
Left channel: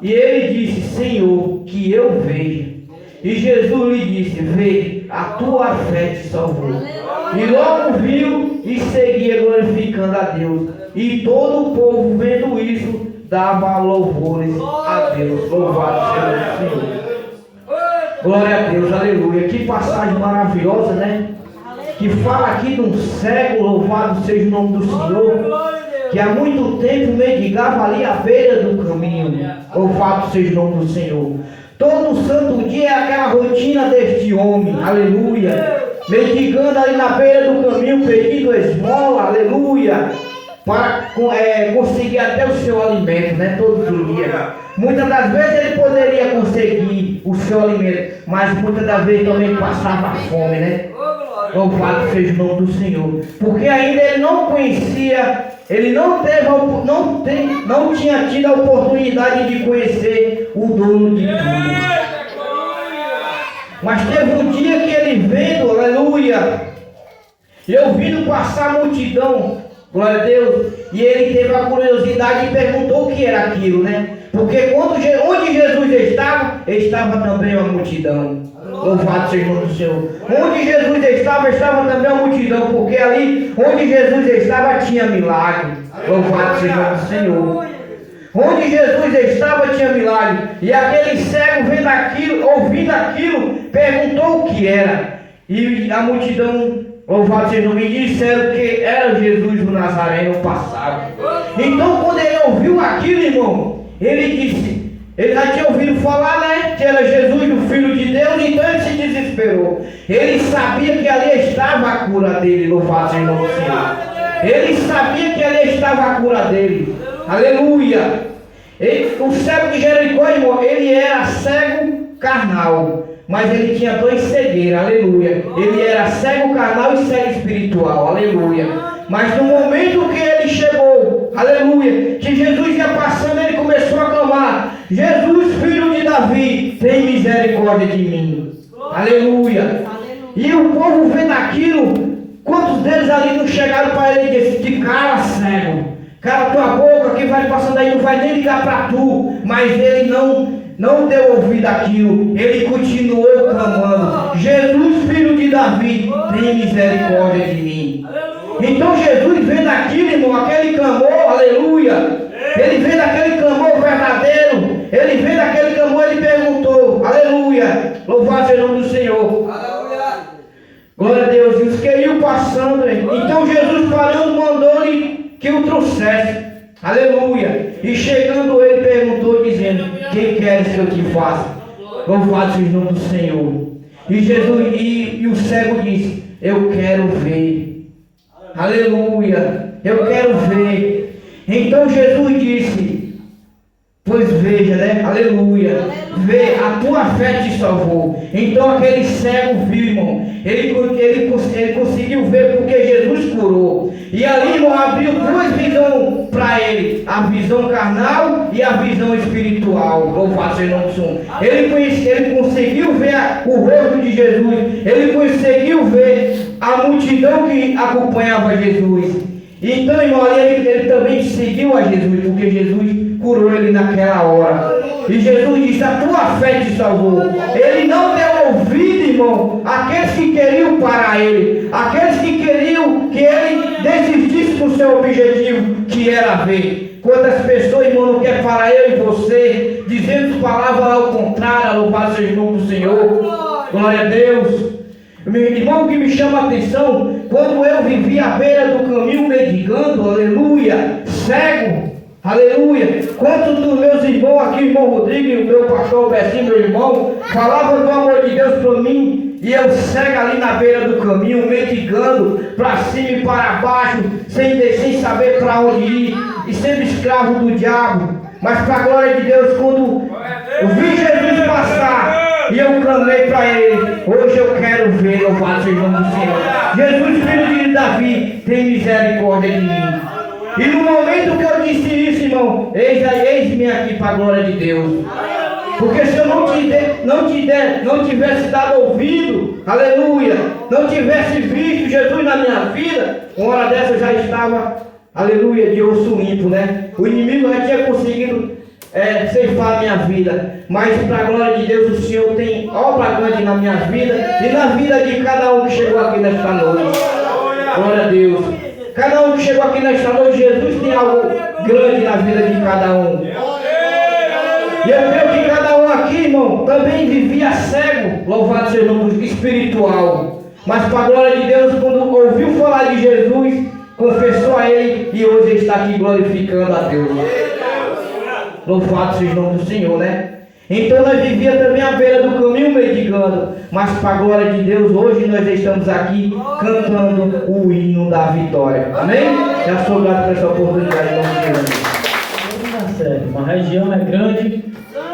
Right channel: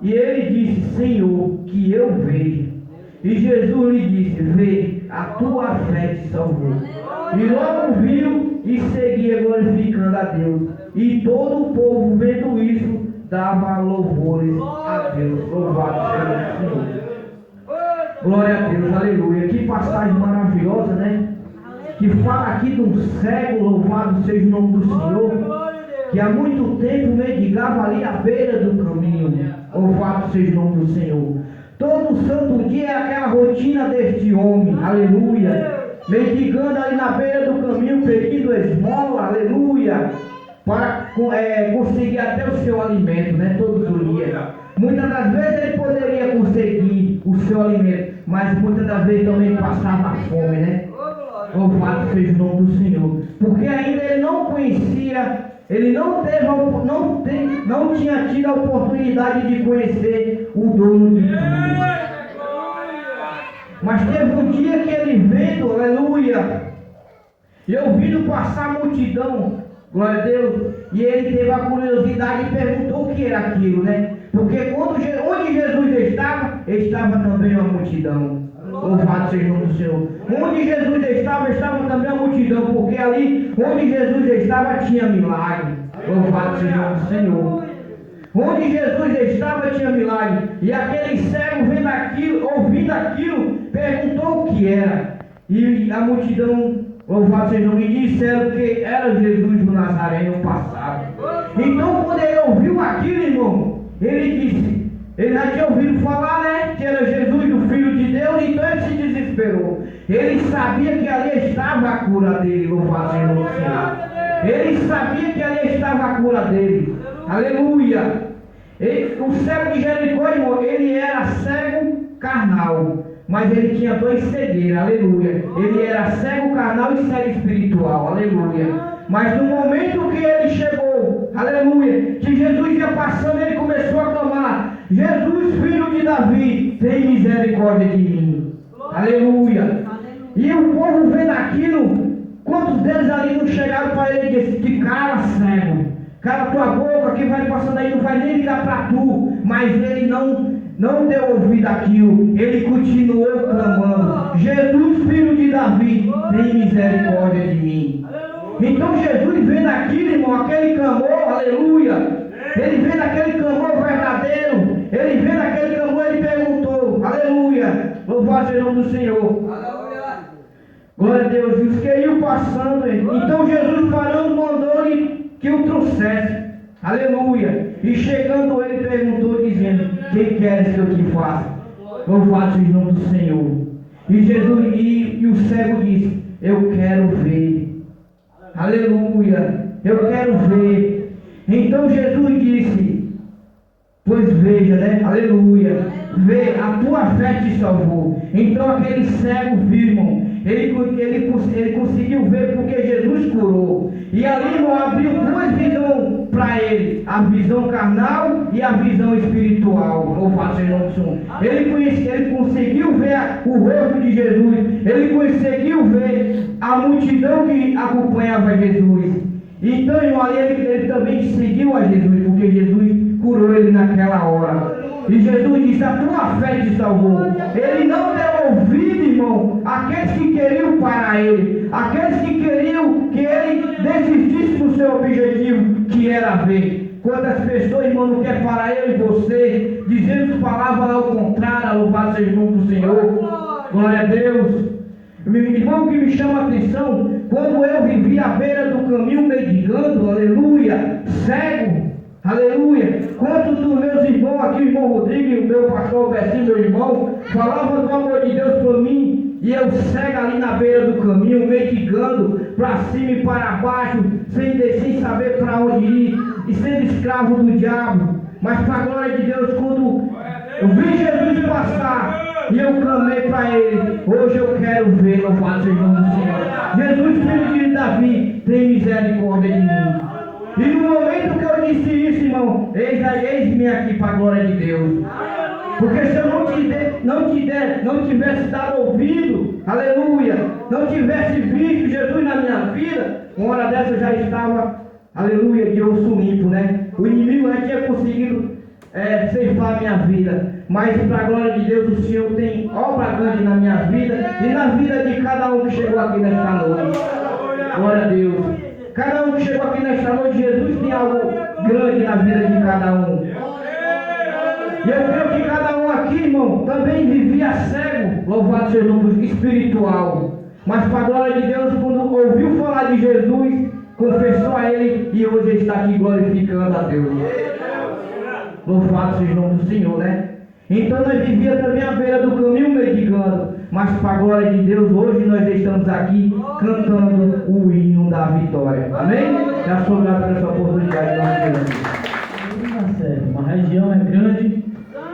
E ele disse: Senhor, que eu veja. E Jesus lhe disse: Vê, a tua fé te salvou. E logo viu e seguia glorificando a Deus. E todo o povo, vendo isso, dava louvores a Deus. Louvado seja o Senhor. Glória a Deus, aleluia. Que passagem maravilhosa, né? Que fala aqui de um cego, louvado seja o nome do Senhor, que há muito tempo mendigava ali à beira do caminho. Louvado seja o nome do Senhor. Todo santo dia é aquela rotina deste homem, aleluia. Mendigando ali na beira do caminho, pedindo esmola, aleluia, para conseguir até o seu alimento, né? Todos os dias. Muitas das vezes ele poderia conseguir o seu alimento, mas muitas das vezes também passava fome, né? Louvado seja o nome do Senhor. Porque ainda ele não conhecia, ele não tinha tido a oportunidade de conhecer o dono de tudo. Mas teve um dia que ele vendo, aleluia, e ouvindo passar a multidão, glória a Deus, e ele teve a curiosidade e perguntou o que era aquilo, né? Porque onde Jesus estava também uma multidão. Louvado seja o nome do Senhor. Onde Jesus estava também uma multidão, porque ali onde Jesus estava tinha milagre. Louvado seja o nome do Senhor. Onde Jesus estava tinha milagre. E aquele cego vendo aquilo, ouvindo aquilo, perguntou o que era. E a multidão, louvado seja o nome, disseram que era Jesus o Nazareno passado. Então quando ele ouviu aquilo, irmão, ele disse, ele já tinha ouvido falar, né, que era Jesus o Filho de Deus, então ele se desesperou. Ele sabia que ali estava a cura dele, louvado seja o nome do Senhor. Ele sabia que ali estava a cura dele. Aleluia. O cego de Jericó, irmão, ele era cego carnal, mas ele tinha dois cegueiros, aleluia. Ele era cego carnal e cego espiritual, aleluia. Mas no momento que ele chegou, aleluia, que Jesus ia passando, ele começou a clamar: Jesus, filho de Davi, tem misericórdia de mim. Aleluia. E o povo vendo aquilo, quantos deles ali não chegaram para ele e disse: de cara cego, cala tua boca, quem vai passando aí não vai nem ligar para tu. Mas ele não deu ouvido àquilo, ele continuou clamando: Jesus, filho de Davi, tem misericórdia de mim. Então Jesus vendo aquilo, irmão, aquele clamor, aleluia, ele vendo aquele clamor verdadeiro, ele vendo aquele clamor, ele perguntou, aleluia, louvado seja o nome do Senhor, aleluia, glória a Deus. E os que iam passando, então Jesus parando, mandou-lhe que o trouxesse, aleluia. E chegando ele perguntou, dizendo: que queres que eu te faça? Louvado seja o nome do Senhor. E Jesus, e o cego disse: eu quero ver. Aleluia, eu quero ver. Então Jesus disse: pois veja, né? Aleluia. Vê, a tua fé te salvou. Então aquele cego viu, irmão. Ele conseguiu ver porque Jesus curou. E ali, irmão, abriu duas visões para ele: a visão carnal e a visão espiritual. Louvado seja o nome do Senhor. Ele conseguiu ver o rosto de Jesus. Ele conseguiu ver a multidão que acompanhava Jesus. Então, irmão, ali ele também seguiu a Jesus, porque Jesus curou ele naquela hora. E Jesus disse: a tua fé te salvou. Ele não deu ouvido, irmão, àqueles que queriam parar ele, aqueles que queriam que ele desistisse do seu objetivo, que era ver. Quantas pessoas, irmão, não querem parar eu e você, dizendo palavras ao contrário, louvado seja o nome do Senhor. Glória a Deus. Meu irmão, que me chama a atenção, quando eu vivi à beira do caminho mendigando, aleluia, cego. Aleluia. Quantos dos meus irmãos aqui, irmão Rodrigo, o meu pastor Albertinho, meu irmão, falavam do amor de Deus para mim, e eu cego ali na beira do caminho, mendigando para cima e para baixo, sem saber para onde ir, e sendo escravo do diabo. Mas para a glória de Deus, quando eu vi Jesus passar e eu clamei para Ele, hoje eu quero ver, louvado seja o nome do Senhor. Jesus, filho de Davi, tem misericórdia de mim. E no momento que eu disse isso, irmão, eis-me aqui para a glória de Deus. Porque se eu não tivesse dado ouvido, aleluia, não tivesse visto Jesus na minha vida, uma hora dessa eu já estava, aleluia, de osso limpo, né? O inimigo já tinha conseguido ceifar a minha vida. Mas para a glória de Deus, o Senhor tem obra grande na minha vida e na vida de cada um que chegou aqui nesta noite. Glória a Deus. Cada um que chegou aqui nesta noite, Jesus tem algo grande na vida de cada um. E eu creio que cada um aqui, irmão, também vivia cego, louvado seja o nome espiritual. Mas para a glória de Deus, quando ouviu falar de Jesus, confessou a Ele e hoje está aqui glorificando a Deus. Louvado seja o nome do Senhor, né? Então nós vivíamos também à beira do caminho mendigando, mas para a glória de Deus, hoje nós estamos aqui cantando o hino da vitória. Amém? Já sou grato por essa oportunidade em nome de Jesus. Uma região é grande,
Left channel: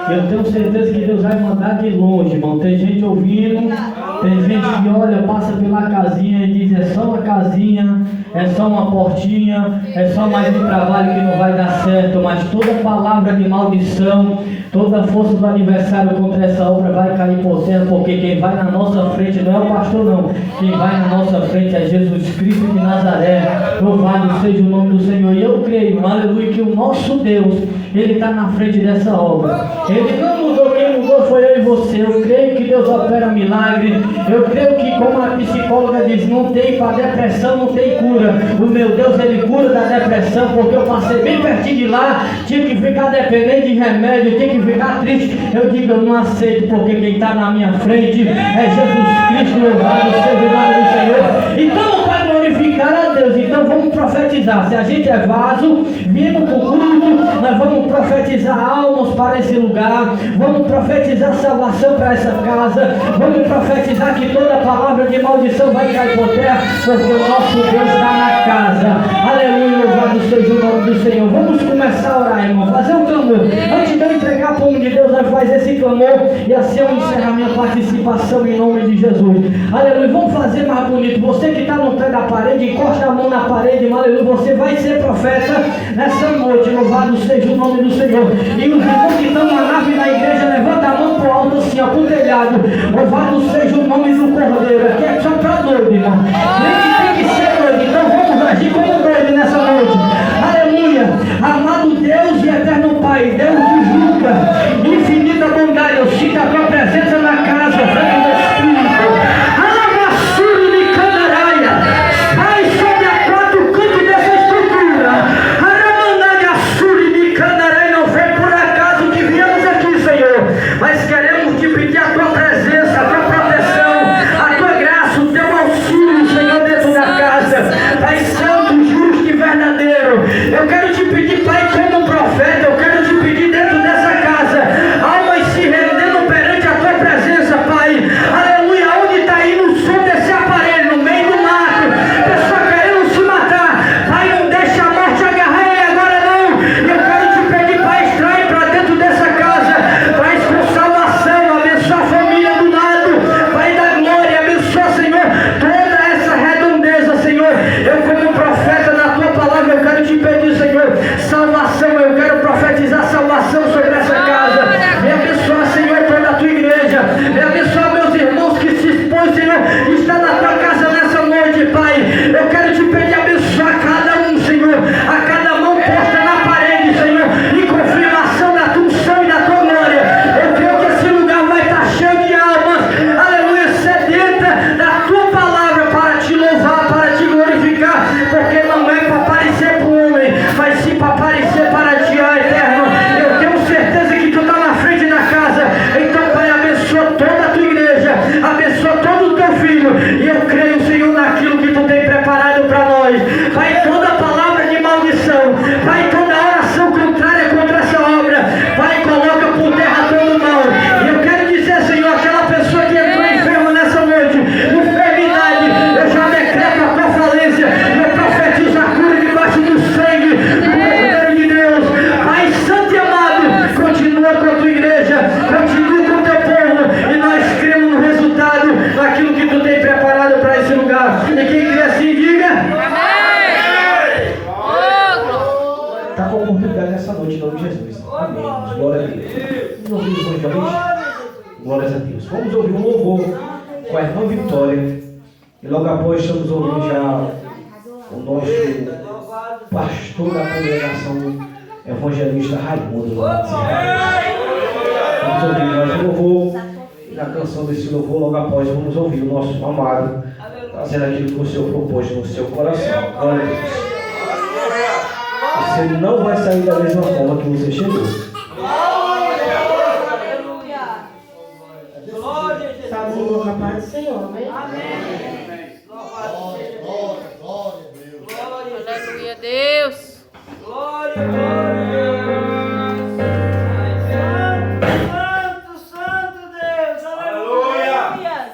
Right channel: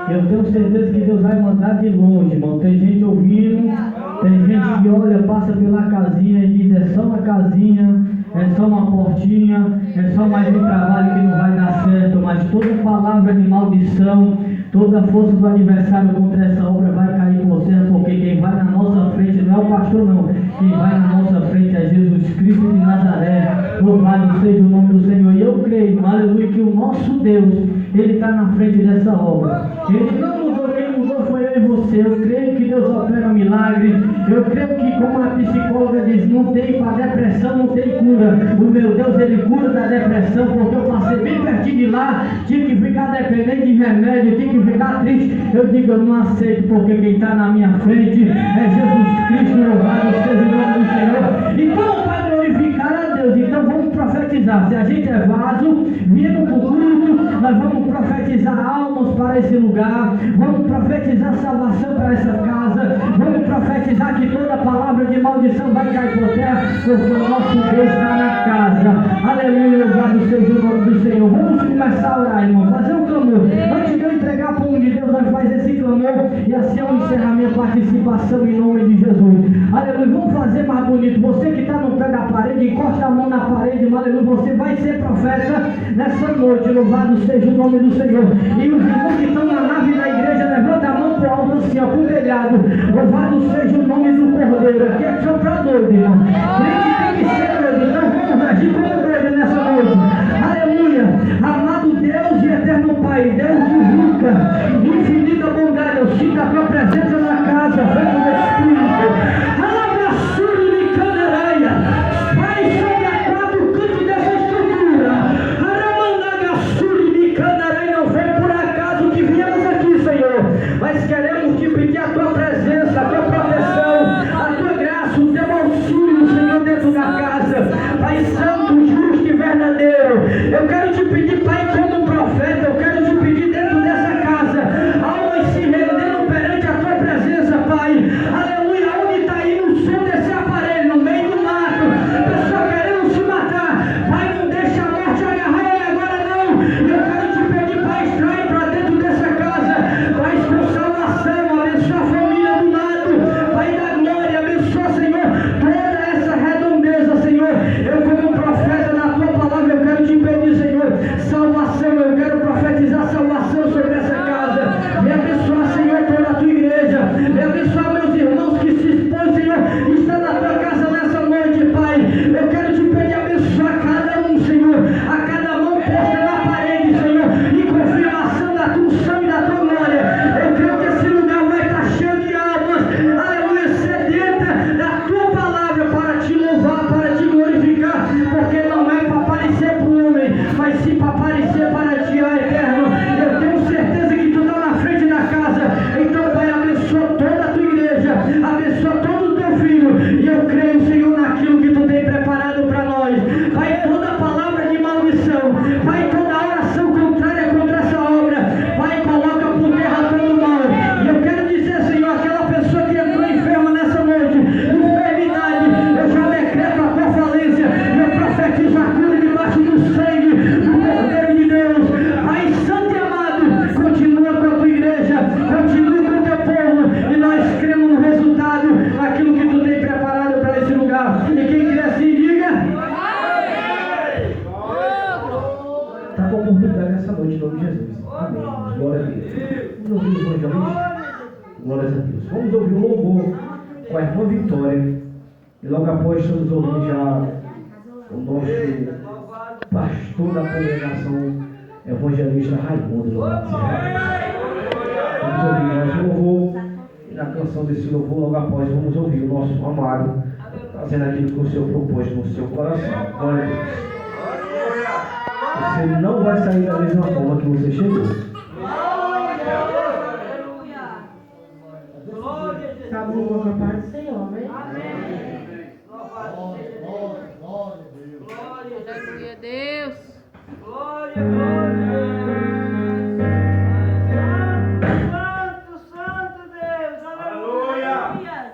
eu tenho certeza que Deus vai mandar de longe, irmão. Tem gente ouvindo, tem gente que olha, passa pela casinha e diz: é só uma casinha, é só uma portinha, é só mais um trabalho que não vai dar certo. Mas toda palavra de maldição, toda força do adversário contra essa obra vai cair por terra, porque quem vai na nossa frente não é o pastor não, quem vai na nossa frente é Jesus Cristo de Nazaré. Louvado seja o nome do Senhor. E eu creio, aleluia, que o nosso Deus, Ele está na frente dessa obra. Ele não mudou, quem mudou foi eu e você. Eu creio que Deus opera milagre. Eu creio que, como a psicóloga diz, não tem para depressão, não tem cura. O meu Deus, Ele cura da depressão, porque eu passei bem pertinho de lá, tinha que ficar dependente de remédio, tinha que ficar triste. Eu digo: eu não aceito, porque quem está na minha frente é Jesus Cristo. Louvado seja o nome do Senhor. Então, para glorificar a Deus, então vamos profetizar. Se a gente é vaso, vindo para o culto, nós vamos profetizar almas para esse lugar, vamos profetizar salvação para essa casa, vamos profetizar que toda palavra de maldição vai cair por terra, porque o nosso Deus está na casa. Aleluia, louvado seja o nome do Senhor. Vamos começar a orar, irmão, fazer um clamor. Antes de eu entregar para o nome de Deus, nós faz esse clamor e assim eu encerro a minha participação em nome de Jesus. Aleluia, vamos fazer mais bonito. Você que está no pé da parede, encosta a mão na parede, aleluia, você vai ser profeta nessa noite. Louvado seja o nome do Senhor. E os irmãos que estão na nave da igreja, levanta a mão para o alto assim, ó, para o telhado. Louvado seja o nome do Cordeiro. Aqui é só para doido, irmão. Tem que ser doido, então vamos agir como doido nessa noite. Aleluia. Amado Deus e eterno Pai, Deus que julga, infinita bondade, eu sinto a tua presença na casa, Santo Espírito. Alabaçuru de Canaraia, vai sobre a quatro cantos dessa estrutura. Aramandá de Assuri de Canaraia, não foi por acaso que viemos aqui, Senhor, mas queremos te pedir a tua presença, a tua proteção, a tua graça, o teu auxílio, Senhor, dentro da casa. Pai Santo, vitória nessa noite, em nome de Jesus. Amém. Glória a Deus. Vamos ouvir o evangelista? Glórias a Deus. Vamos ouvir um louvor com a irmã Vitória. E logo após estamos ouvindo já o nosso pastor da congregação, evangelista Raimundo. Vamos ouvir mais um louvor. E na canção desse louvor, logo após, vamos ouvir o nosso amado fazendo aquilo que o Senhor propôs no seu coração. Glória a Deus. Você não vai sair da mesma forma que você chegou. Saúde com a paz do Senhor, amém? Aleluia, Deus. Santo Deus, aleluia.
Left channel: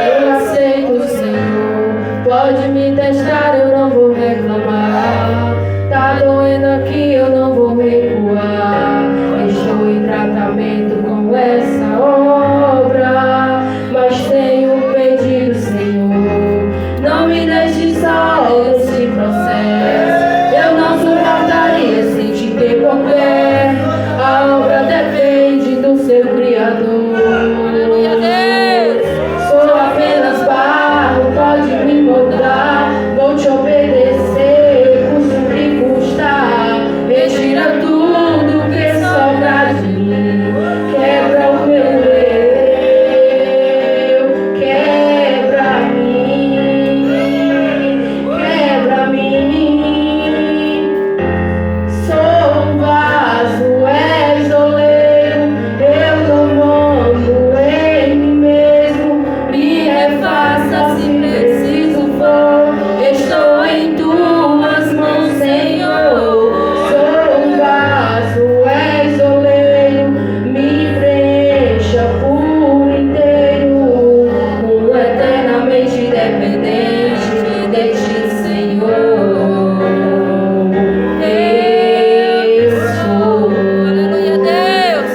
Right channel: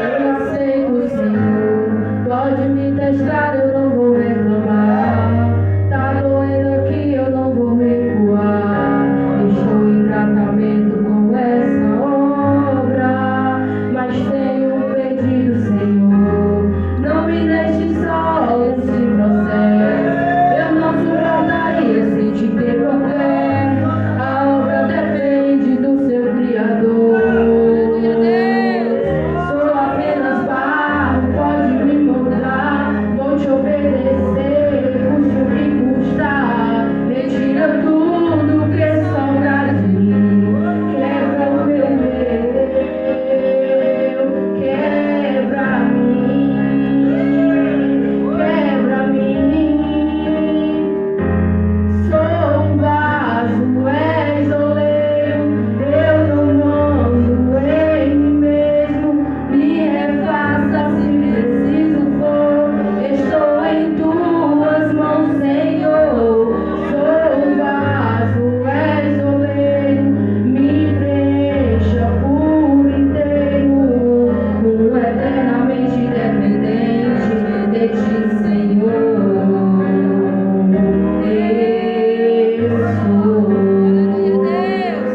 Eu aceito, Senhor, pode me testar, eu não vou reclamar. Tá doendo aqui, eu não vou recuar. Estou em tratamento com essa obra, mas tenho um pedido, Senhor, não me deixe só nesse processo. Eu não suportaria sem te ter por perto. A obra depende do seu Criador. Aleluia, Deus. Sou apenas barro, pode me moldar. Vou te obedecer, custe o que custar. Retira tudo que sobra de mim. Quebra o meu eu, quebra-me. Sou um vaso, és oleiro. Eu não mando em mim mesmo. Me refaça se preciso for. Estou em tuas mãos, Senhor. Sou um vaso, és oleiro. Me preencha por inteiro. Eternamente dependente de ti, Senhor. Aleluia, Deus.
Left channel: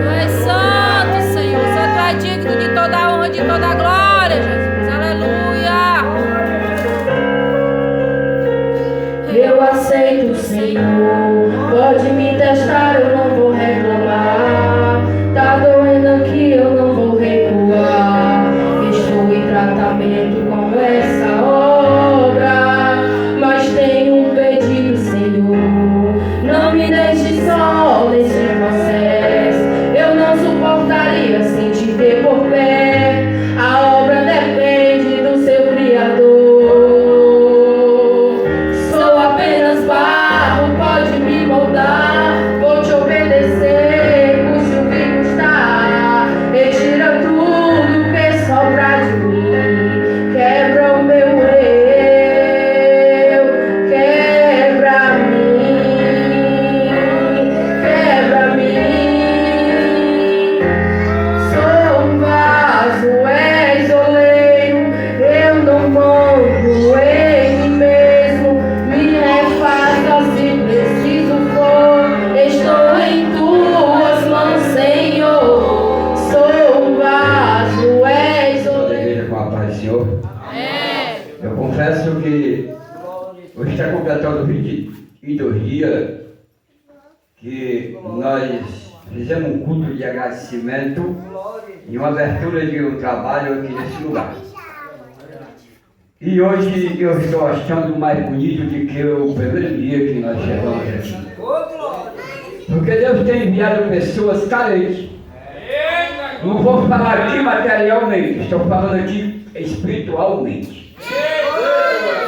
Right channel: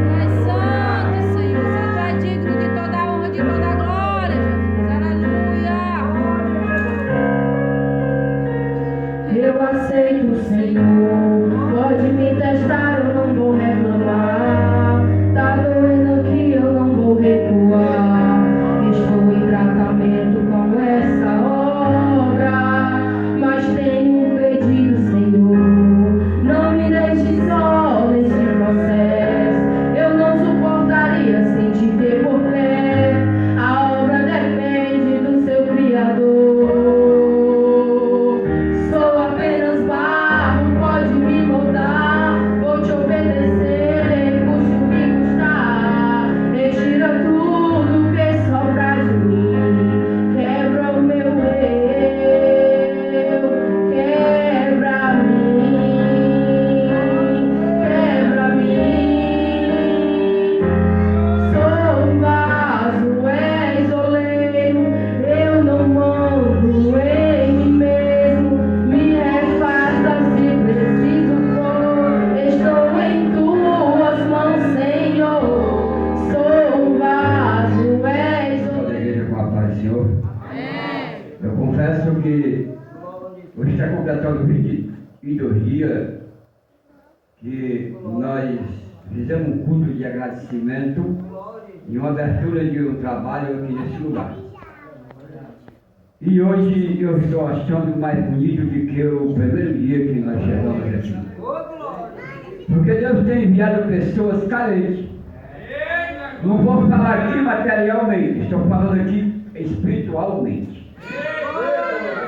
Tu és santo, Senhor. Só tu é digno de toda a honra, de toda a glória, Jesus. Aleluia. Eu aceito, Senhor, pode me testar, eu não vou reclamar. Tá doendo aqui, eu não vou recuar. Estou em tratamento com essa obra, mas tenho um pedido, Senhor, não me deixe só nesse processo. Eu não suportaria sem te ter por pé. A obra depende do seu Criador. Sou apenas barro, pode me moldar. Vou te obedecer, custe o que custar. Retira tudo que sobra de mim. Quebra o meu eu, quebra-me. Sou um vaso, és oleiro. Eu não mando em mim mesmo. Me refaça se preciso for. Estou em tuas mãos, Senhor. Sou um vaso, és Toda a oleiro. igreja com a paz do Senhor. Eu confesso que hoje está completando 22 dias que nós fizemos um culto de agradecimento e uma abertura de um trabalho aqui nesse lugar. E hoje eu estou achando mais bonito do que o primeiro dia que nós chegamos aqui. Porque Deus tem enviado pessoas carentes. Não vou falar aqui materialmente, estou falando aqui espiritualmente.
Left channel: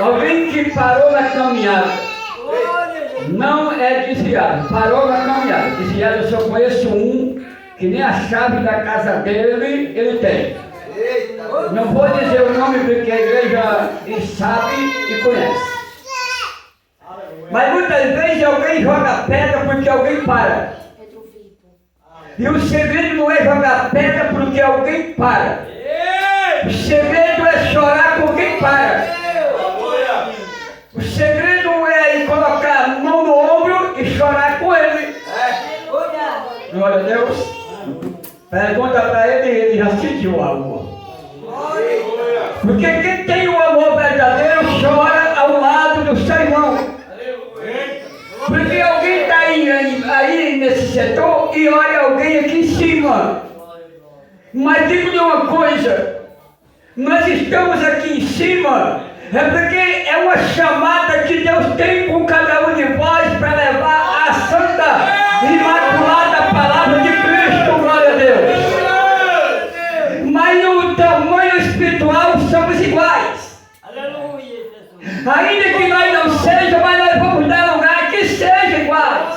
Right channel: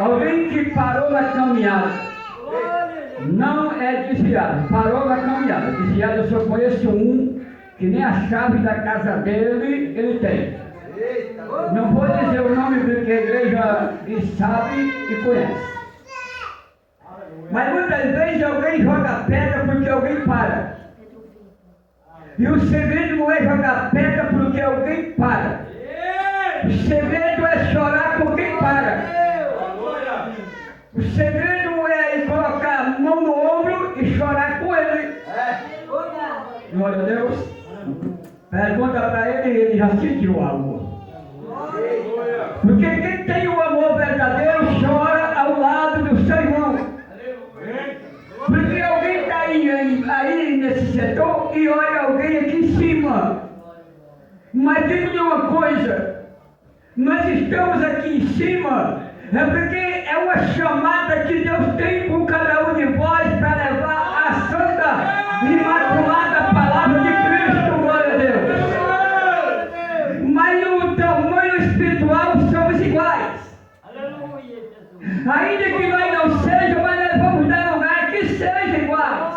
Alguém que parou na caminhada, não é desviado, parou na caminhada. Desviado eu só conheço um que nem a chave da casa dele ele tem. Não vou dizer o nome porque a igreja sabe e conhece. Mas muitas vezes alguém joga pedra porque alguém para. E o segredo não é jogar pedra porque alguém para. O segredo é chorar por quem para. sente o amor. Porque quem tem o amor verdadeiro chora ao lado do seu irmão. Porque alguém está aí nesse setor e olha alguém aqui em cima. Mas digo-lhe uma coisa, nós estamos aqui em cima, é porque é uma chamada que Deus tem com cada um de vós para levar a santa, imaculada palavra de Cristo, glória a Deus. Mas no tamanho espiritual somos iguais. Ainda que nós não sejamos, mas nós vamos dar lugar que sejam iguais.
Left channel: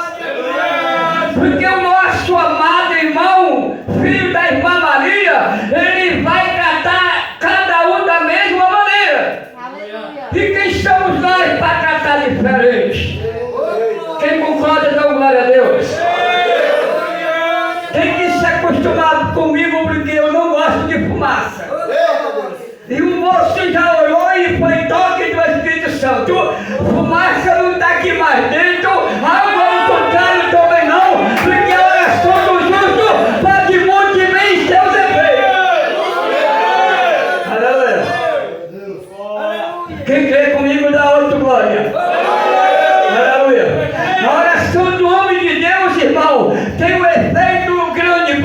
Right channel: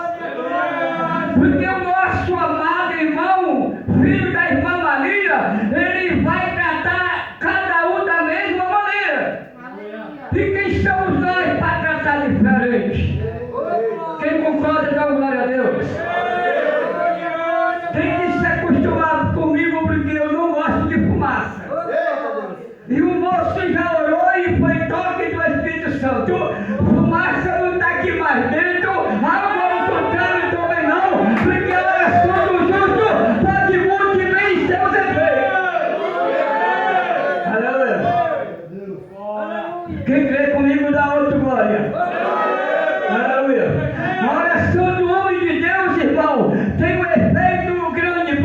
Porque o nosso amado irmão, filho da irmã Maria, ele vai tratar cada um da mesma maneira. E quem somos nós para tratar diferente? Quem concorda, dá glória a Deus. Tem que se acostumar comigo, porque eu não gosto de fumaça. E o moço já orou e foi toque do Espírito Santo. Fumaça não está aqui mais dentro, água ao contrário também não, porque a oração do justo pode muito bem seus efeitos. Aleluia. Quem crê comigo dá outro glória. Aleluia. A oração do homem de Deus, irmão, tem um efeito grande,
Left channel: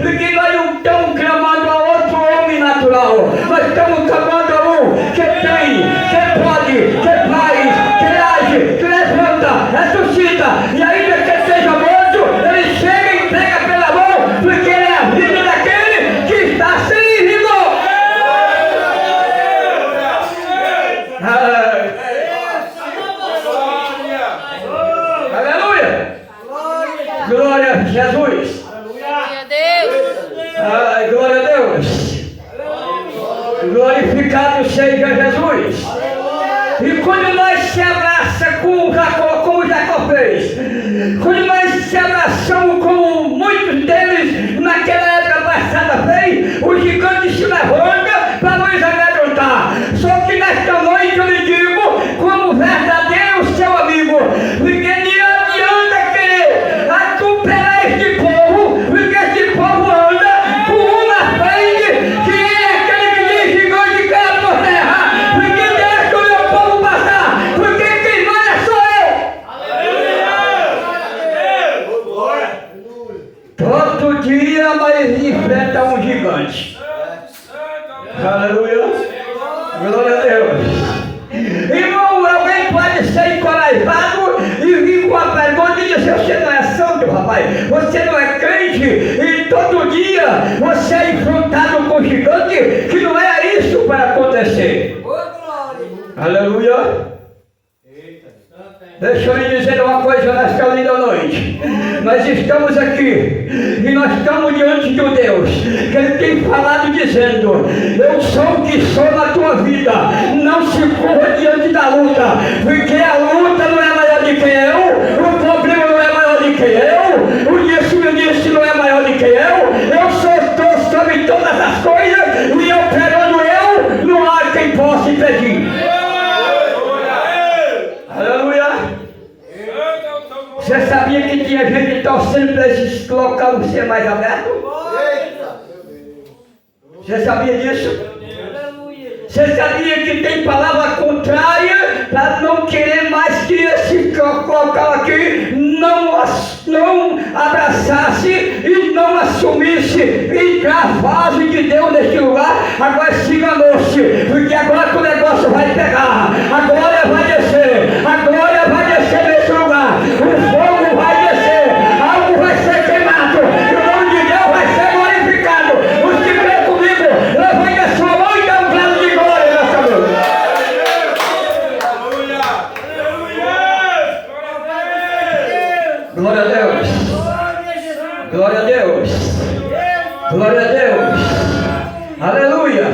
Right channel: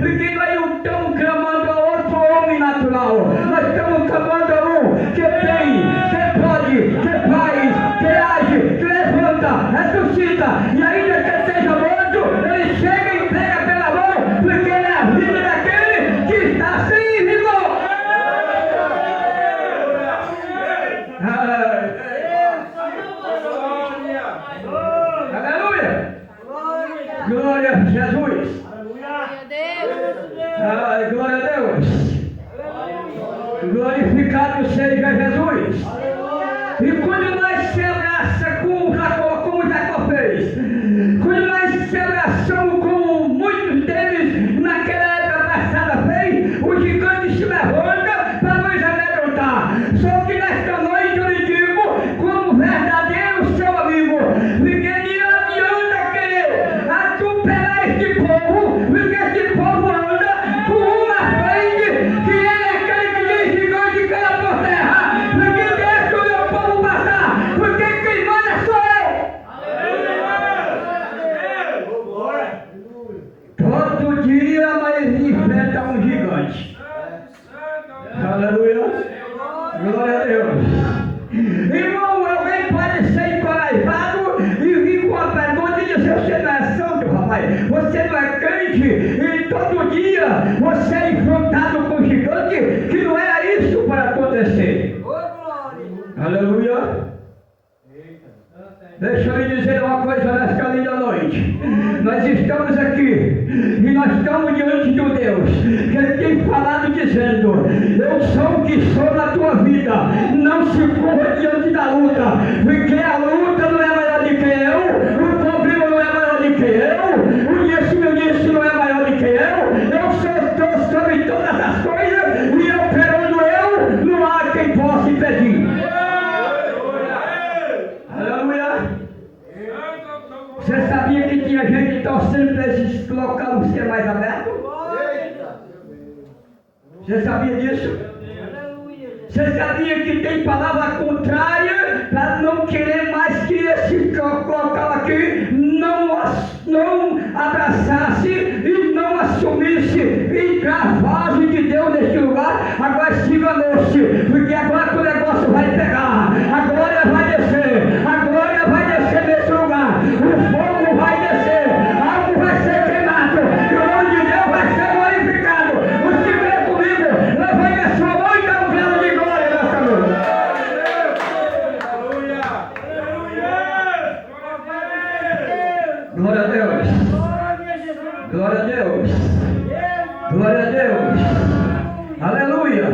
porque nós não estamos clamando a outro homem natural. Nós estamos clamando a um que tem, que pode, que faz, que age, que levanta, ressuscita, e ainda que seja morto, ele chega e entrega pela mão, porque ele é a vida daquele que está sem rigor. Aleluia! Glória a Jesus! Glória a Deus. Glória a Deus! Glorificado seja Jesus! E quando nós se abraçamos como Jacó fez, quando nós se abraçamos como muitos deles naquela época passada fez, o gigante se levanta para nos amedrontar. Só que nesta noite eu lhe digo, como verdadeiro seu amigo, porque nem adianta querer atropelar este povo, porque este povo anda com um na frente, que é aquele que diz gigante cai por terra, porque deixa o meu povo passar, porque quem manda sou eu. Todo dia nós enfrentamos um gigante. Aleluia. Glória a Deus. Irmão, alguém pode ser encorajado e vir com a pergunta e dizer: você não é santo, rapaz, você não é crente, e todo dia você é enfrentado com gigante, que não é isso para acontecer. Aleluia. Deixa eu lhe dizer uma coisa nesta linda noite. Nós estamos aqui e nós estamos diante de um Deus que Ele tem falado dizendo: eu sou o que sou na tua vida. Não se curva diante da luta, porque a luta não é maior do que eu, o problema não é maior do que eu, o disse não é maior do que eu estou sobre todas as coisas e operando eu, não há quem possa impedir. Aleluia. Você sabia que tinha gente torcendo para esse local ser mais aberto? Você sabia disso? Você sabia que tem palavra contrária para não querer mais que esse local aqui não abraçasse e não assumisse entrar a fase de Deus neste lugar? Agora se enganou-se, porque agora que o negócio vai pegar, a glória vai descer, a glória vai descer nesse lugar, o fogo vai descer, algo vai ser queimado, o nome de Deus vai ser glorificado. Os que crê comigo, levante a sua mão e dá um grado de glória nessa noite. Glória a Deus. Glória a Deus. Glória a Deus. Aleluia.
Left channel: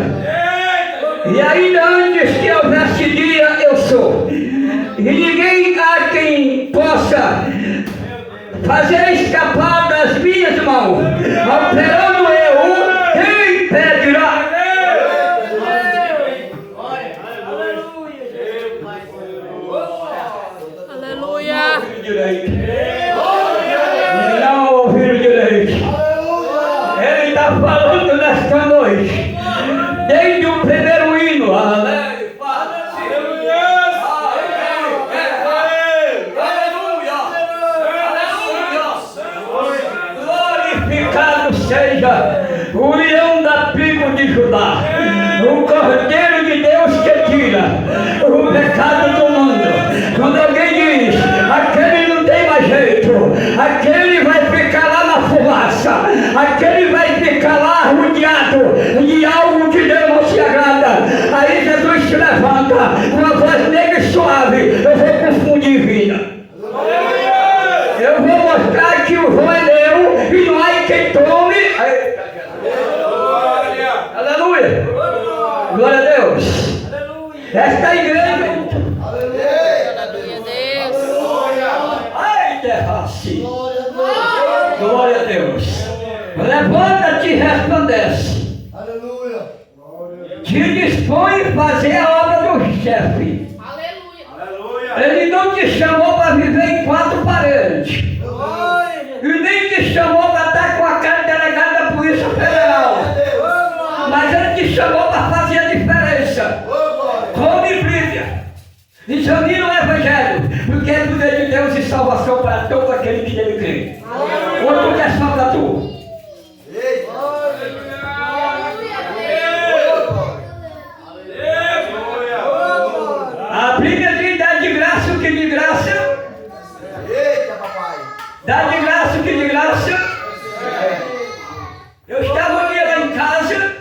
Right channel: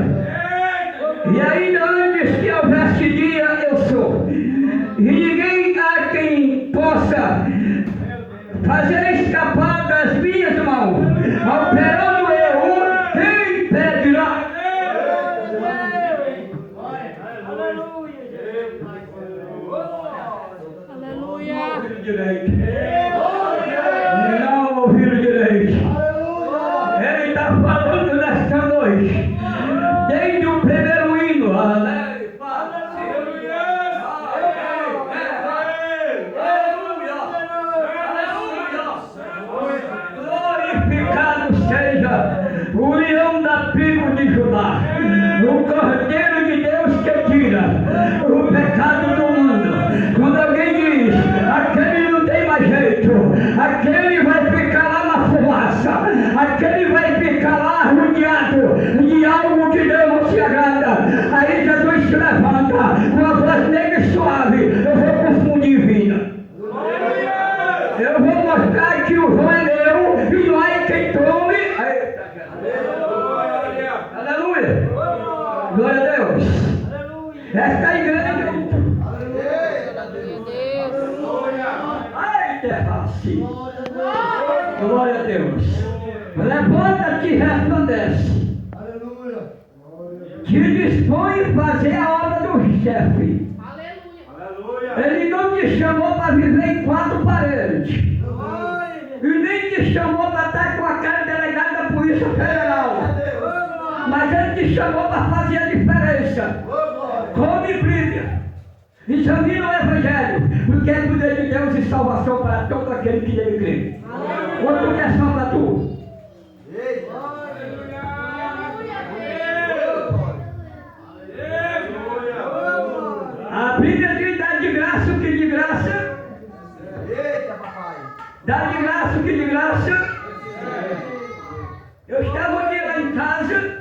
E ainda antes que houvesse dia, eu sou. E ninguém há quem possa fazer escapar das minhas mãos. Operando eu, quem impedirá? Aleluia. Não ouviram direito. Ele está falando nesta noite. Glória a Deus. Esta igreja. Ai, terra assim. Glória a Deus. Levanta-te e resplandece. Te dispõe a fazer a obra do chefe. Ele não te chamou para viver em quatro paredes. E nem te chamou para estar com a cara de delegado da Polícia Federal. Mas ele te chamou para fazer a diferença. Come Bíblia. Examina o Evangelho. Porque é poder de Deus e salvação para todo aquele que nele crê. Ou tu quer só para tu? A Bíblia diz: dá de graça o que de graça. Dá de graça o que de graça. Eu estava um dia lá em casa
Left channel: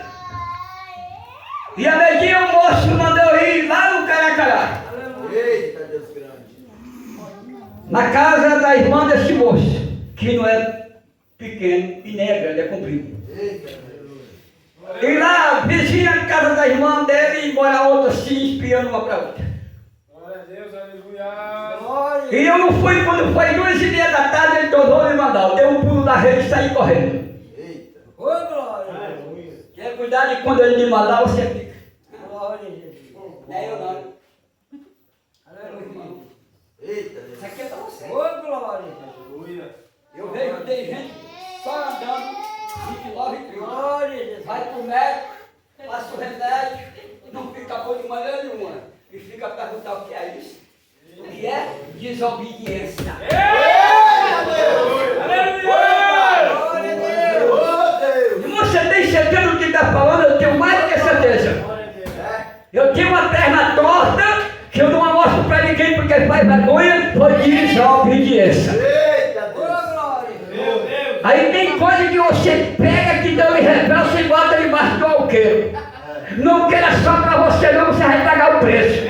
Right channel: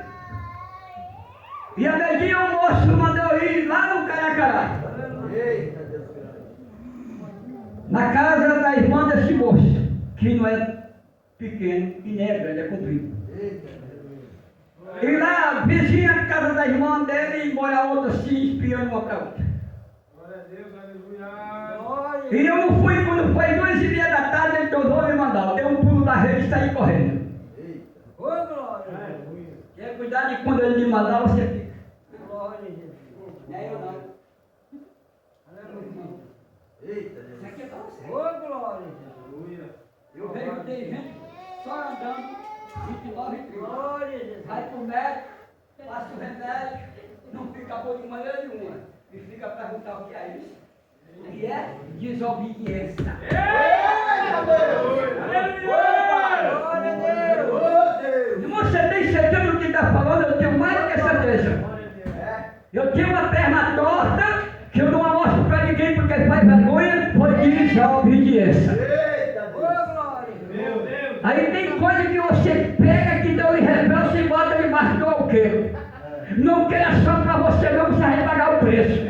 e a neguinha o moço mandou eu ir lá no Caracará, na casa da irmã desse moço, que não é pequeno e nem é grande, é comprido. E lá, vizinha a casa da irmã dele, e mora outra assim, espiando uma para outra. E eu não fui, quando foi 2h30 da tarde, ele tornou me mandar. Eu dei um pulo na rede e saí correndo. Quer cuidar de quando ele me mandar, você fica. É eu não. Isso aqui é para você. Eu vejo que tem gente só andando 29 e 30. Vai pro médico, passa o remédio, não fica bom de maneira nenhuma. E fica a perguntar o que é isso. Que é desobediência. Você tem certeza do que está falando? Eu tenho mais do que certeza. Eu tenho uma perna torta que eu não mostro para ninguém porque faz vergonha por desobediência. Aí tem coisa que você pega que Deus lhe revela, você bota debaixo do alqueiro. Não queira só para você não, você vai pagar o preço.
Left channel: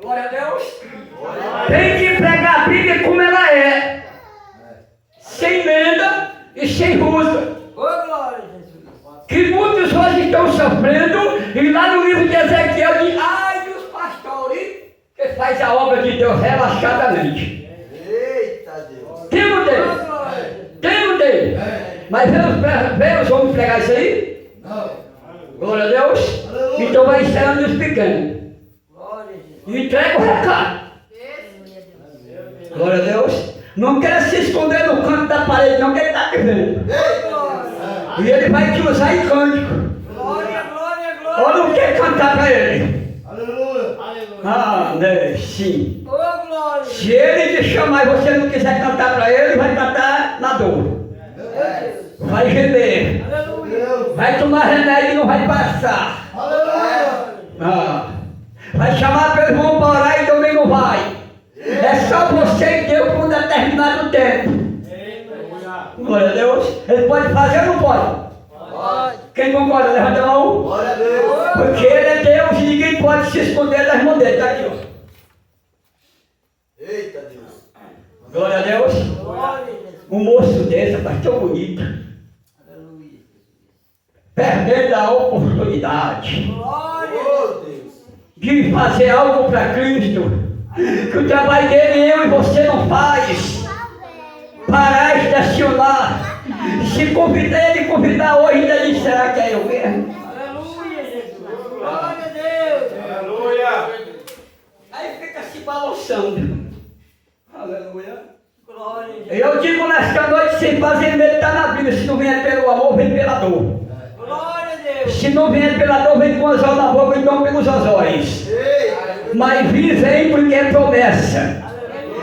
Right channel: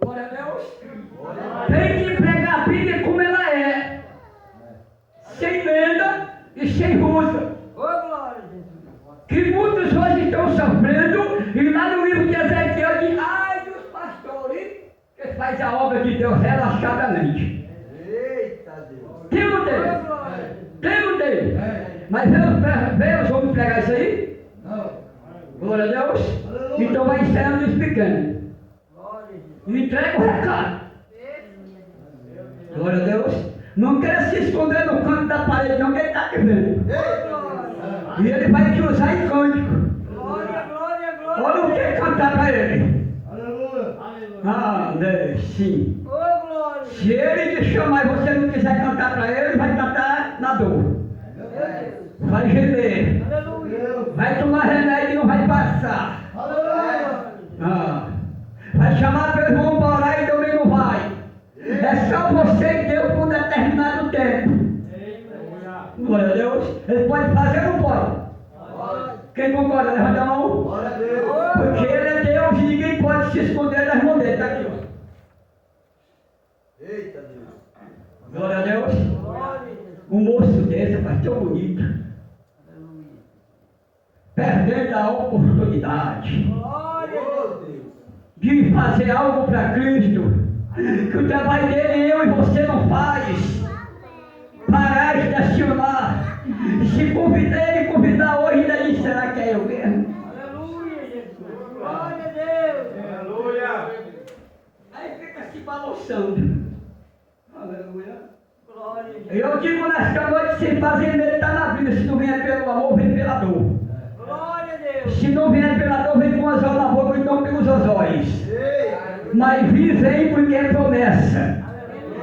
Glória a Deus. Tem que pregar a Bíblia como ela é, sem lenda e sem rusa. Que muitos hoje estão sofrendo, e lá no livro de Ezequiel diz: ai dos pastores que faz a obra de Deus relaxadamente. Eita Deus. Temo dele. Mas vemos homens pregar isso aí? Não. Glória a Deus. Então vai ensinando os pequenos. E entrega o recado. Glória a Deus. Não quer se esconder no canto da parede, não, que ele está te vendo. E ele vai te usar em cântico. Ou não quer cantar para ele? Ah, né? Sim. Se ele te chamar e você não quiser cantar para ele, vai cantar na dor. Vai gemer. Vai tomar remédio e não vai passar. Ah. Vai chamar teu irmão para orar e também não vai. É só você e Deus por um determinado tempo. Glória a Deus. Ele pode fazer ou não pode? Pode. Quem concorda? Levanta a mão. Glória a Deus. Porque ele é Deus e ninguém pode se esconder das mãos dele. Está aqui, ó. Eita Deus. Glória a Deus. Um moço desse, mas tão bonito. Perdendo a oportunidade de fazer algo para Cristo, que o trabalho dele eu e você não faz. Parar, estacionar. Se convidar, ele convidar hoje, ainda diz: será que é eu mesmo? Aleluia, Jesus. Glória a Deus. Aleluia. Aí fica se balançando. Aleluia. Glória. Eu digo nesta noite, sem fazer medo, está na Bíblia. Se não vier pelo amor, vem pela dor. Glória a Deus. Se não vier pela dor, vem com as na boca, então pelos azóis. Mas vem porque é promessa.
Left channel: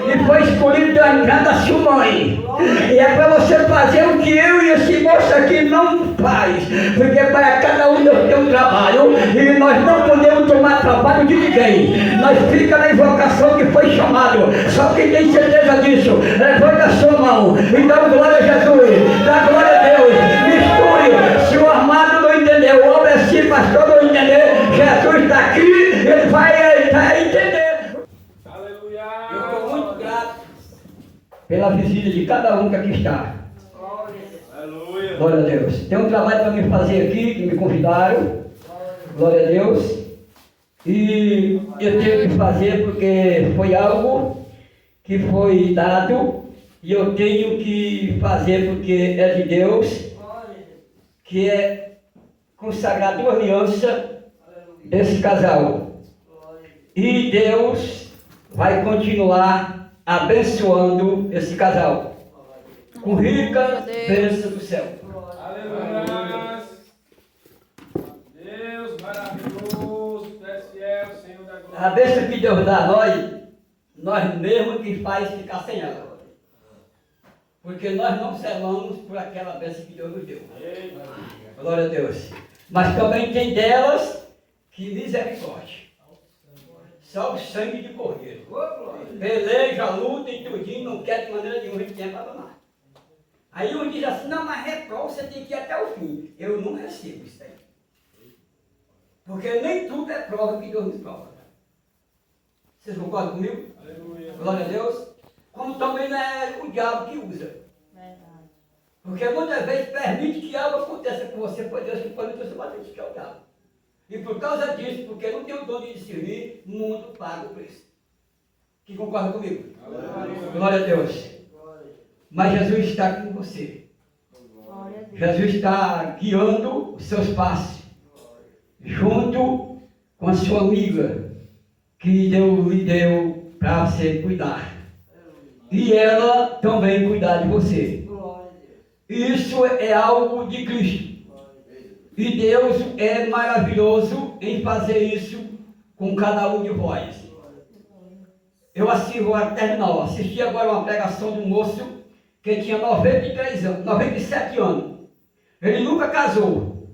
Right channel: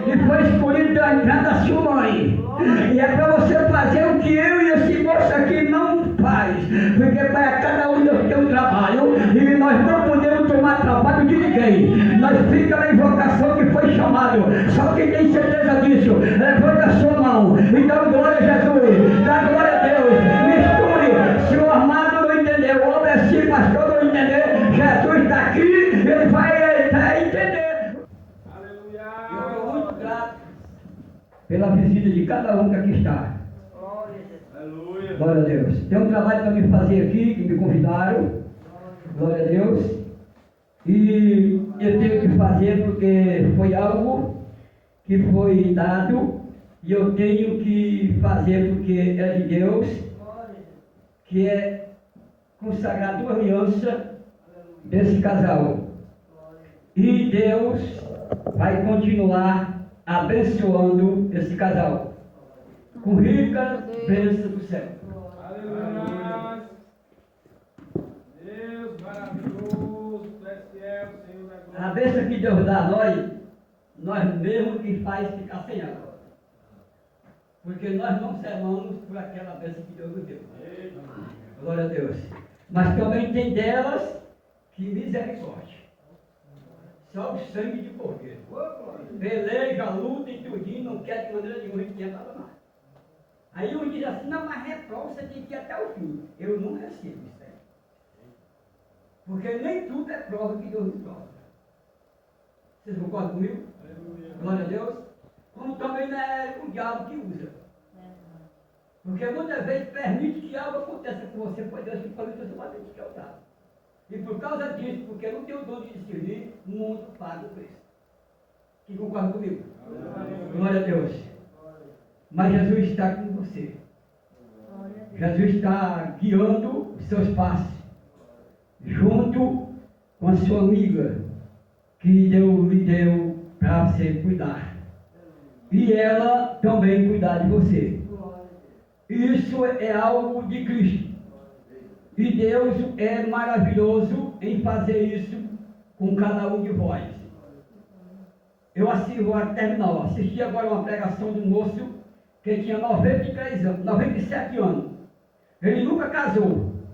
E foi escolhido pela cada sua mãe. E é para você fazer o que eu e esse moço aqui não faz. Porque para cada um nós temos um trabalho. E nós não podemos tomar trabalho de ninguém. Nós fica na invocação que foi chamado. Só quem tem certeza disso, levanta a sua mão. Então glória a Jesus. Dá glória a Deus. Misture. Se o armado não entender, o homem assim, pastor não entender, Jesus está aqui, ele vai entender. Aleluia. Eu estou muito grato pela visita de cada um que aqui está. Glória a Deus. Tem um trabalho para me fazer aqui, que me convidaram. Glória a Deus. E eu tenho que fazer porque foi algo que foi dado. E eu tenho que fazer porque é de Deus. Que é consagrar 2 alianças desse casal. E Deus vai continuar abençoando esse casal com rica bênção do céu. Aleluia. Deus maravilhoso, fiel, Senhor da glória. A bênção que Deus dá a nós mesmos que faz ficar sem ela. Porque nós não selamos por aquela bênção que Deus nos deu. Glória a Deus. Mas também tem delas que misericórdia. Só o sangue de cordeiro. Peleja, luta e tudinho, não quer de maneira nenhuma que tenha para tomar. Aí um diz assim, não, mas reprova, você tem que ir até o fim. Eu não recebo isso aí. Porque nem tudo é prova que Deus nos prova. Vocês concordam comigo? Aleluia. Glória a Deus. Como também não é o diabo que usa. Porque muitas vezes permite que algo aconteça com você, por Deus que pode você bater que é o diabo. E por causa disso, porque não tem o dom de discernir, o mundo paga o preço. Que concorda comigo? Glória a Deus. Mas Jesus está com você. Jesus está guiando os seus passos. Junto com a sua amiga, que Deus lhe deu para você cuidar. E ela também cuidar de você. Isso é algo de Cristo. E Deus é maravilhoso em fazer isso com cada um de vós. Eu assisti agora uma pregação de um moço que tinha 97 anos. Ele nunca casou.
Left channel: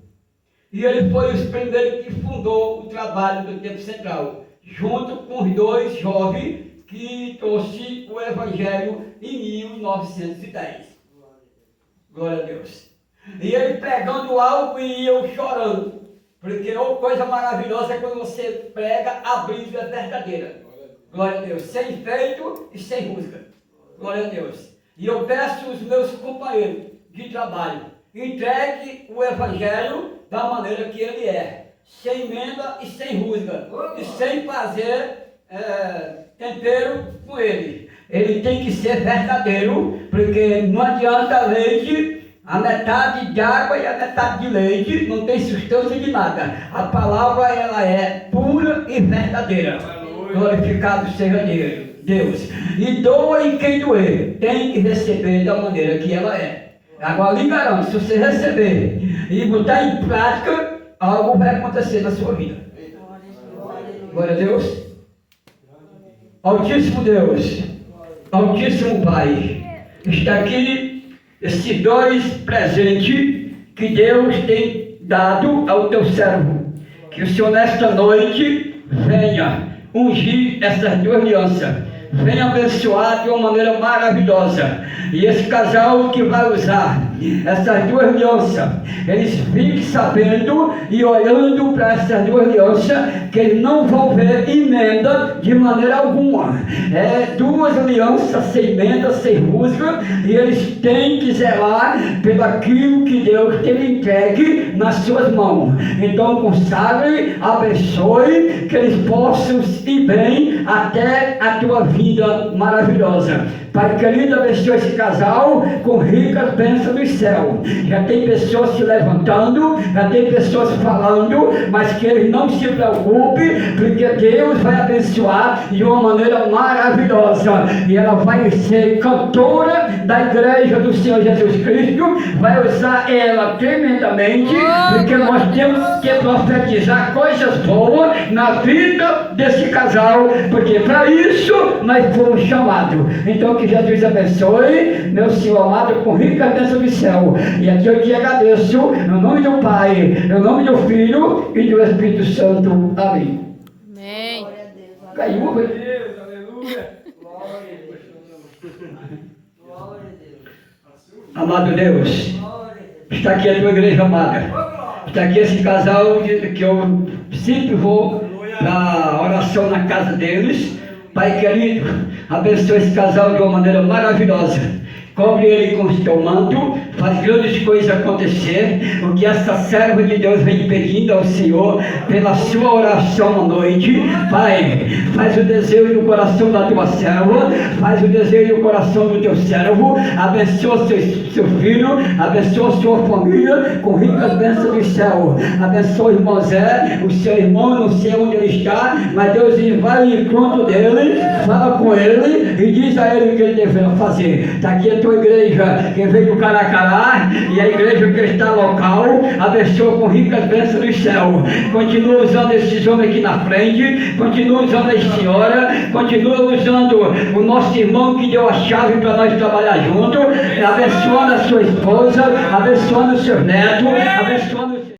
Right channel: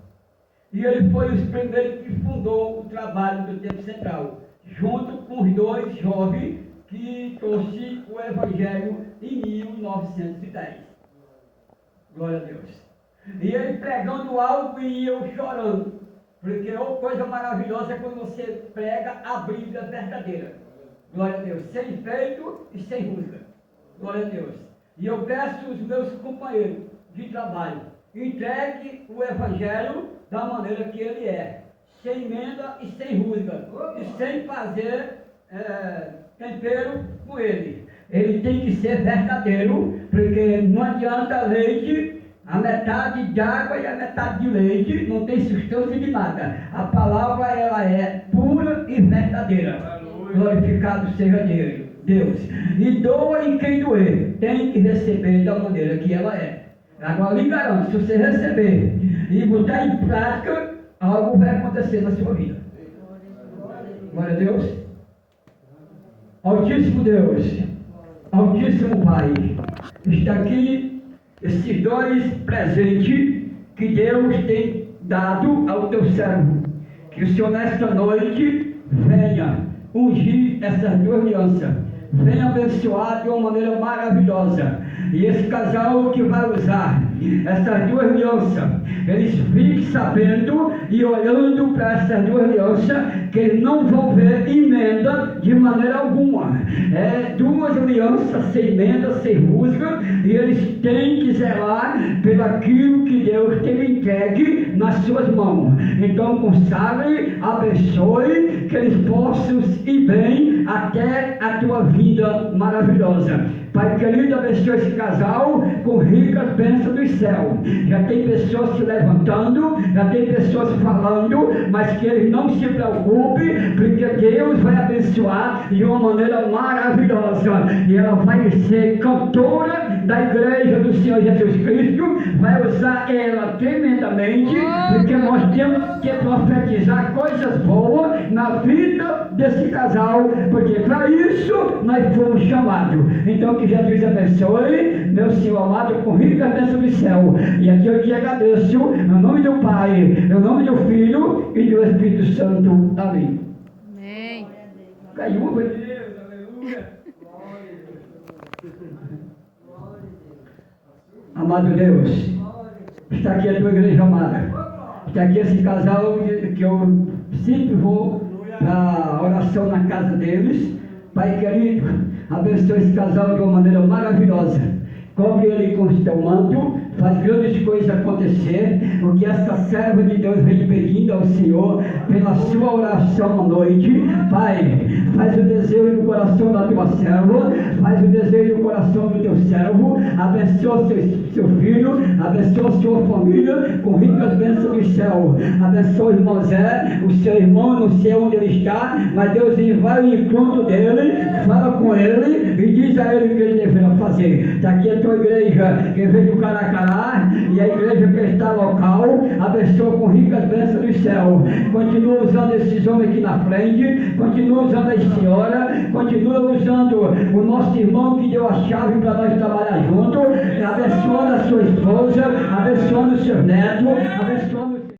E ele foi o primeiro que fundou o trabalho do Tempo Central, junto com os 2 jovens que trouxe o Evangelho em 1910. Glória a Deus. E ele pregando algo e eu chorando. Porque uma coisa maravilhosa é quando você prega a Bíblia verdadeira. Glória a Deus. Sem enfeito e sem rusga. Glória a Deus. E eu peço aos meus companheiros de trabalho, entregue o Evangelho da maneira que ele é. Sem emenda e sem rusga. E sem fazer tempero com ele. Ele tem que ser verdadeiro, porque não adianta leite, a metade de água e a metade de leite, não tem substância de nada. A palavra, ela é pura e verdadeira. Glorificado seja Deus. E doa em quem doer, tem que receber da maneira que ela é. Agora lhe garanto, se você receber e botar em prática, algo vai acontecer na sua vida. Glória a Deus. Altíssimo Deus, Altíssimo Pai, está aqui esses 2 presentes que Deus tem dado ao teu servo. Que o Senhor nesta noite venha ungir essas 2 alianças, venha abençoar de uma maneira maravilhosa. E esse casal que vai usar essas 2 alianças, eles fiquem sabendo e olhando para essas 2 alianças, que eles não vão ver emenda de maneira alguma. É 2 alianças sem emenda, sem rusga, e eles têm que zelar pelo aquilo que Deus tem entregue nas suas mãos. Então consagre, abençoe, que eles possam ir bem até a tua vida maravilhosa. Pai querido, abençoe esse casal com ricas bênçãos do céu. Já tem pessoas se levantando, já tem pessoas falando, mas que eles não se preocupem, porque Deus vai abençoar de uma maneira maravilhosa. E ela vai ser cantora da igreja do Senhor Jesus Cristo, vai usar ela tremendamente, porque nós temos que profetizar coisas boas na vida desse casal, porque para isso nós fomos chamados. Então que Jesus abençoe, meu Senhor amado, com rica bênção do céu. E aqui eu te agradeço, no nome do Pai, no nome do Filho e do Espírito Santo. Amém. Amém. Caiu, Deus, aleluia. Amado Deus, está aqui a tua igreja amada. Está aqui esse casal que eu sempre vou na oração na casa deles. Pai querido, abençoe esse casal de uma maneira maravilhosa. Cobre ele com o teu manto, faz grandes coisas acontecer. O que essa serva de Deus vem pedindo ao Senhor pela sua oração à noite, Pai, faz o desejo do coração da tua serva, faz o desejo do coração do teu servo, abençoa seu filho, abençoa sua família com ricas bênçãos do céu, abençoa o irmão Zé, o seu irmão, não sei onde ele está, mas Deus vai ao encontro dele, fala com ele e diz a ele o que ele deverá fazer. Está aqui a tua igreja que veio do Caracará e a igreja que está local, abençoa com ricas bênçãos do céu. Continua usando esses homens aqui na frente, continua usando a senhora, continua usando o nosso irmão que deu a chave para nós trabalhar junto, abençoando a sua esposa, abençoando os seus netos, abençoando os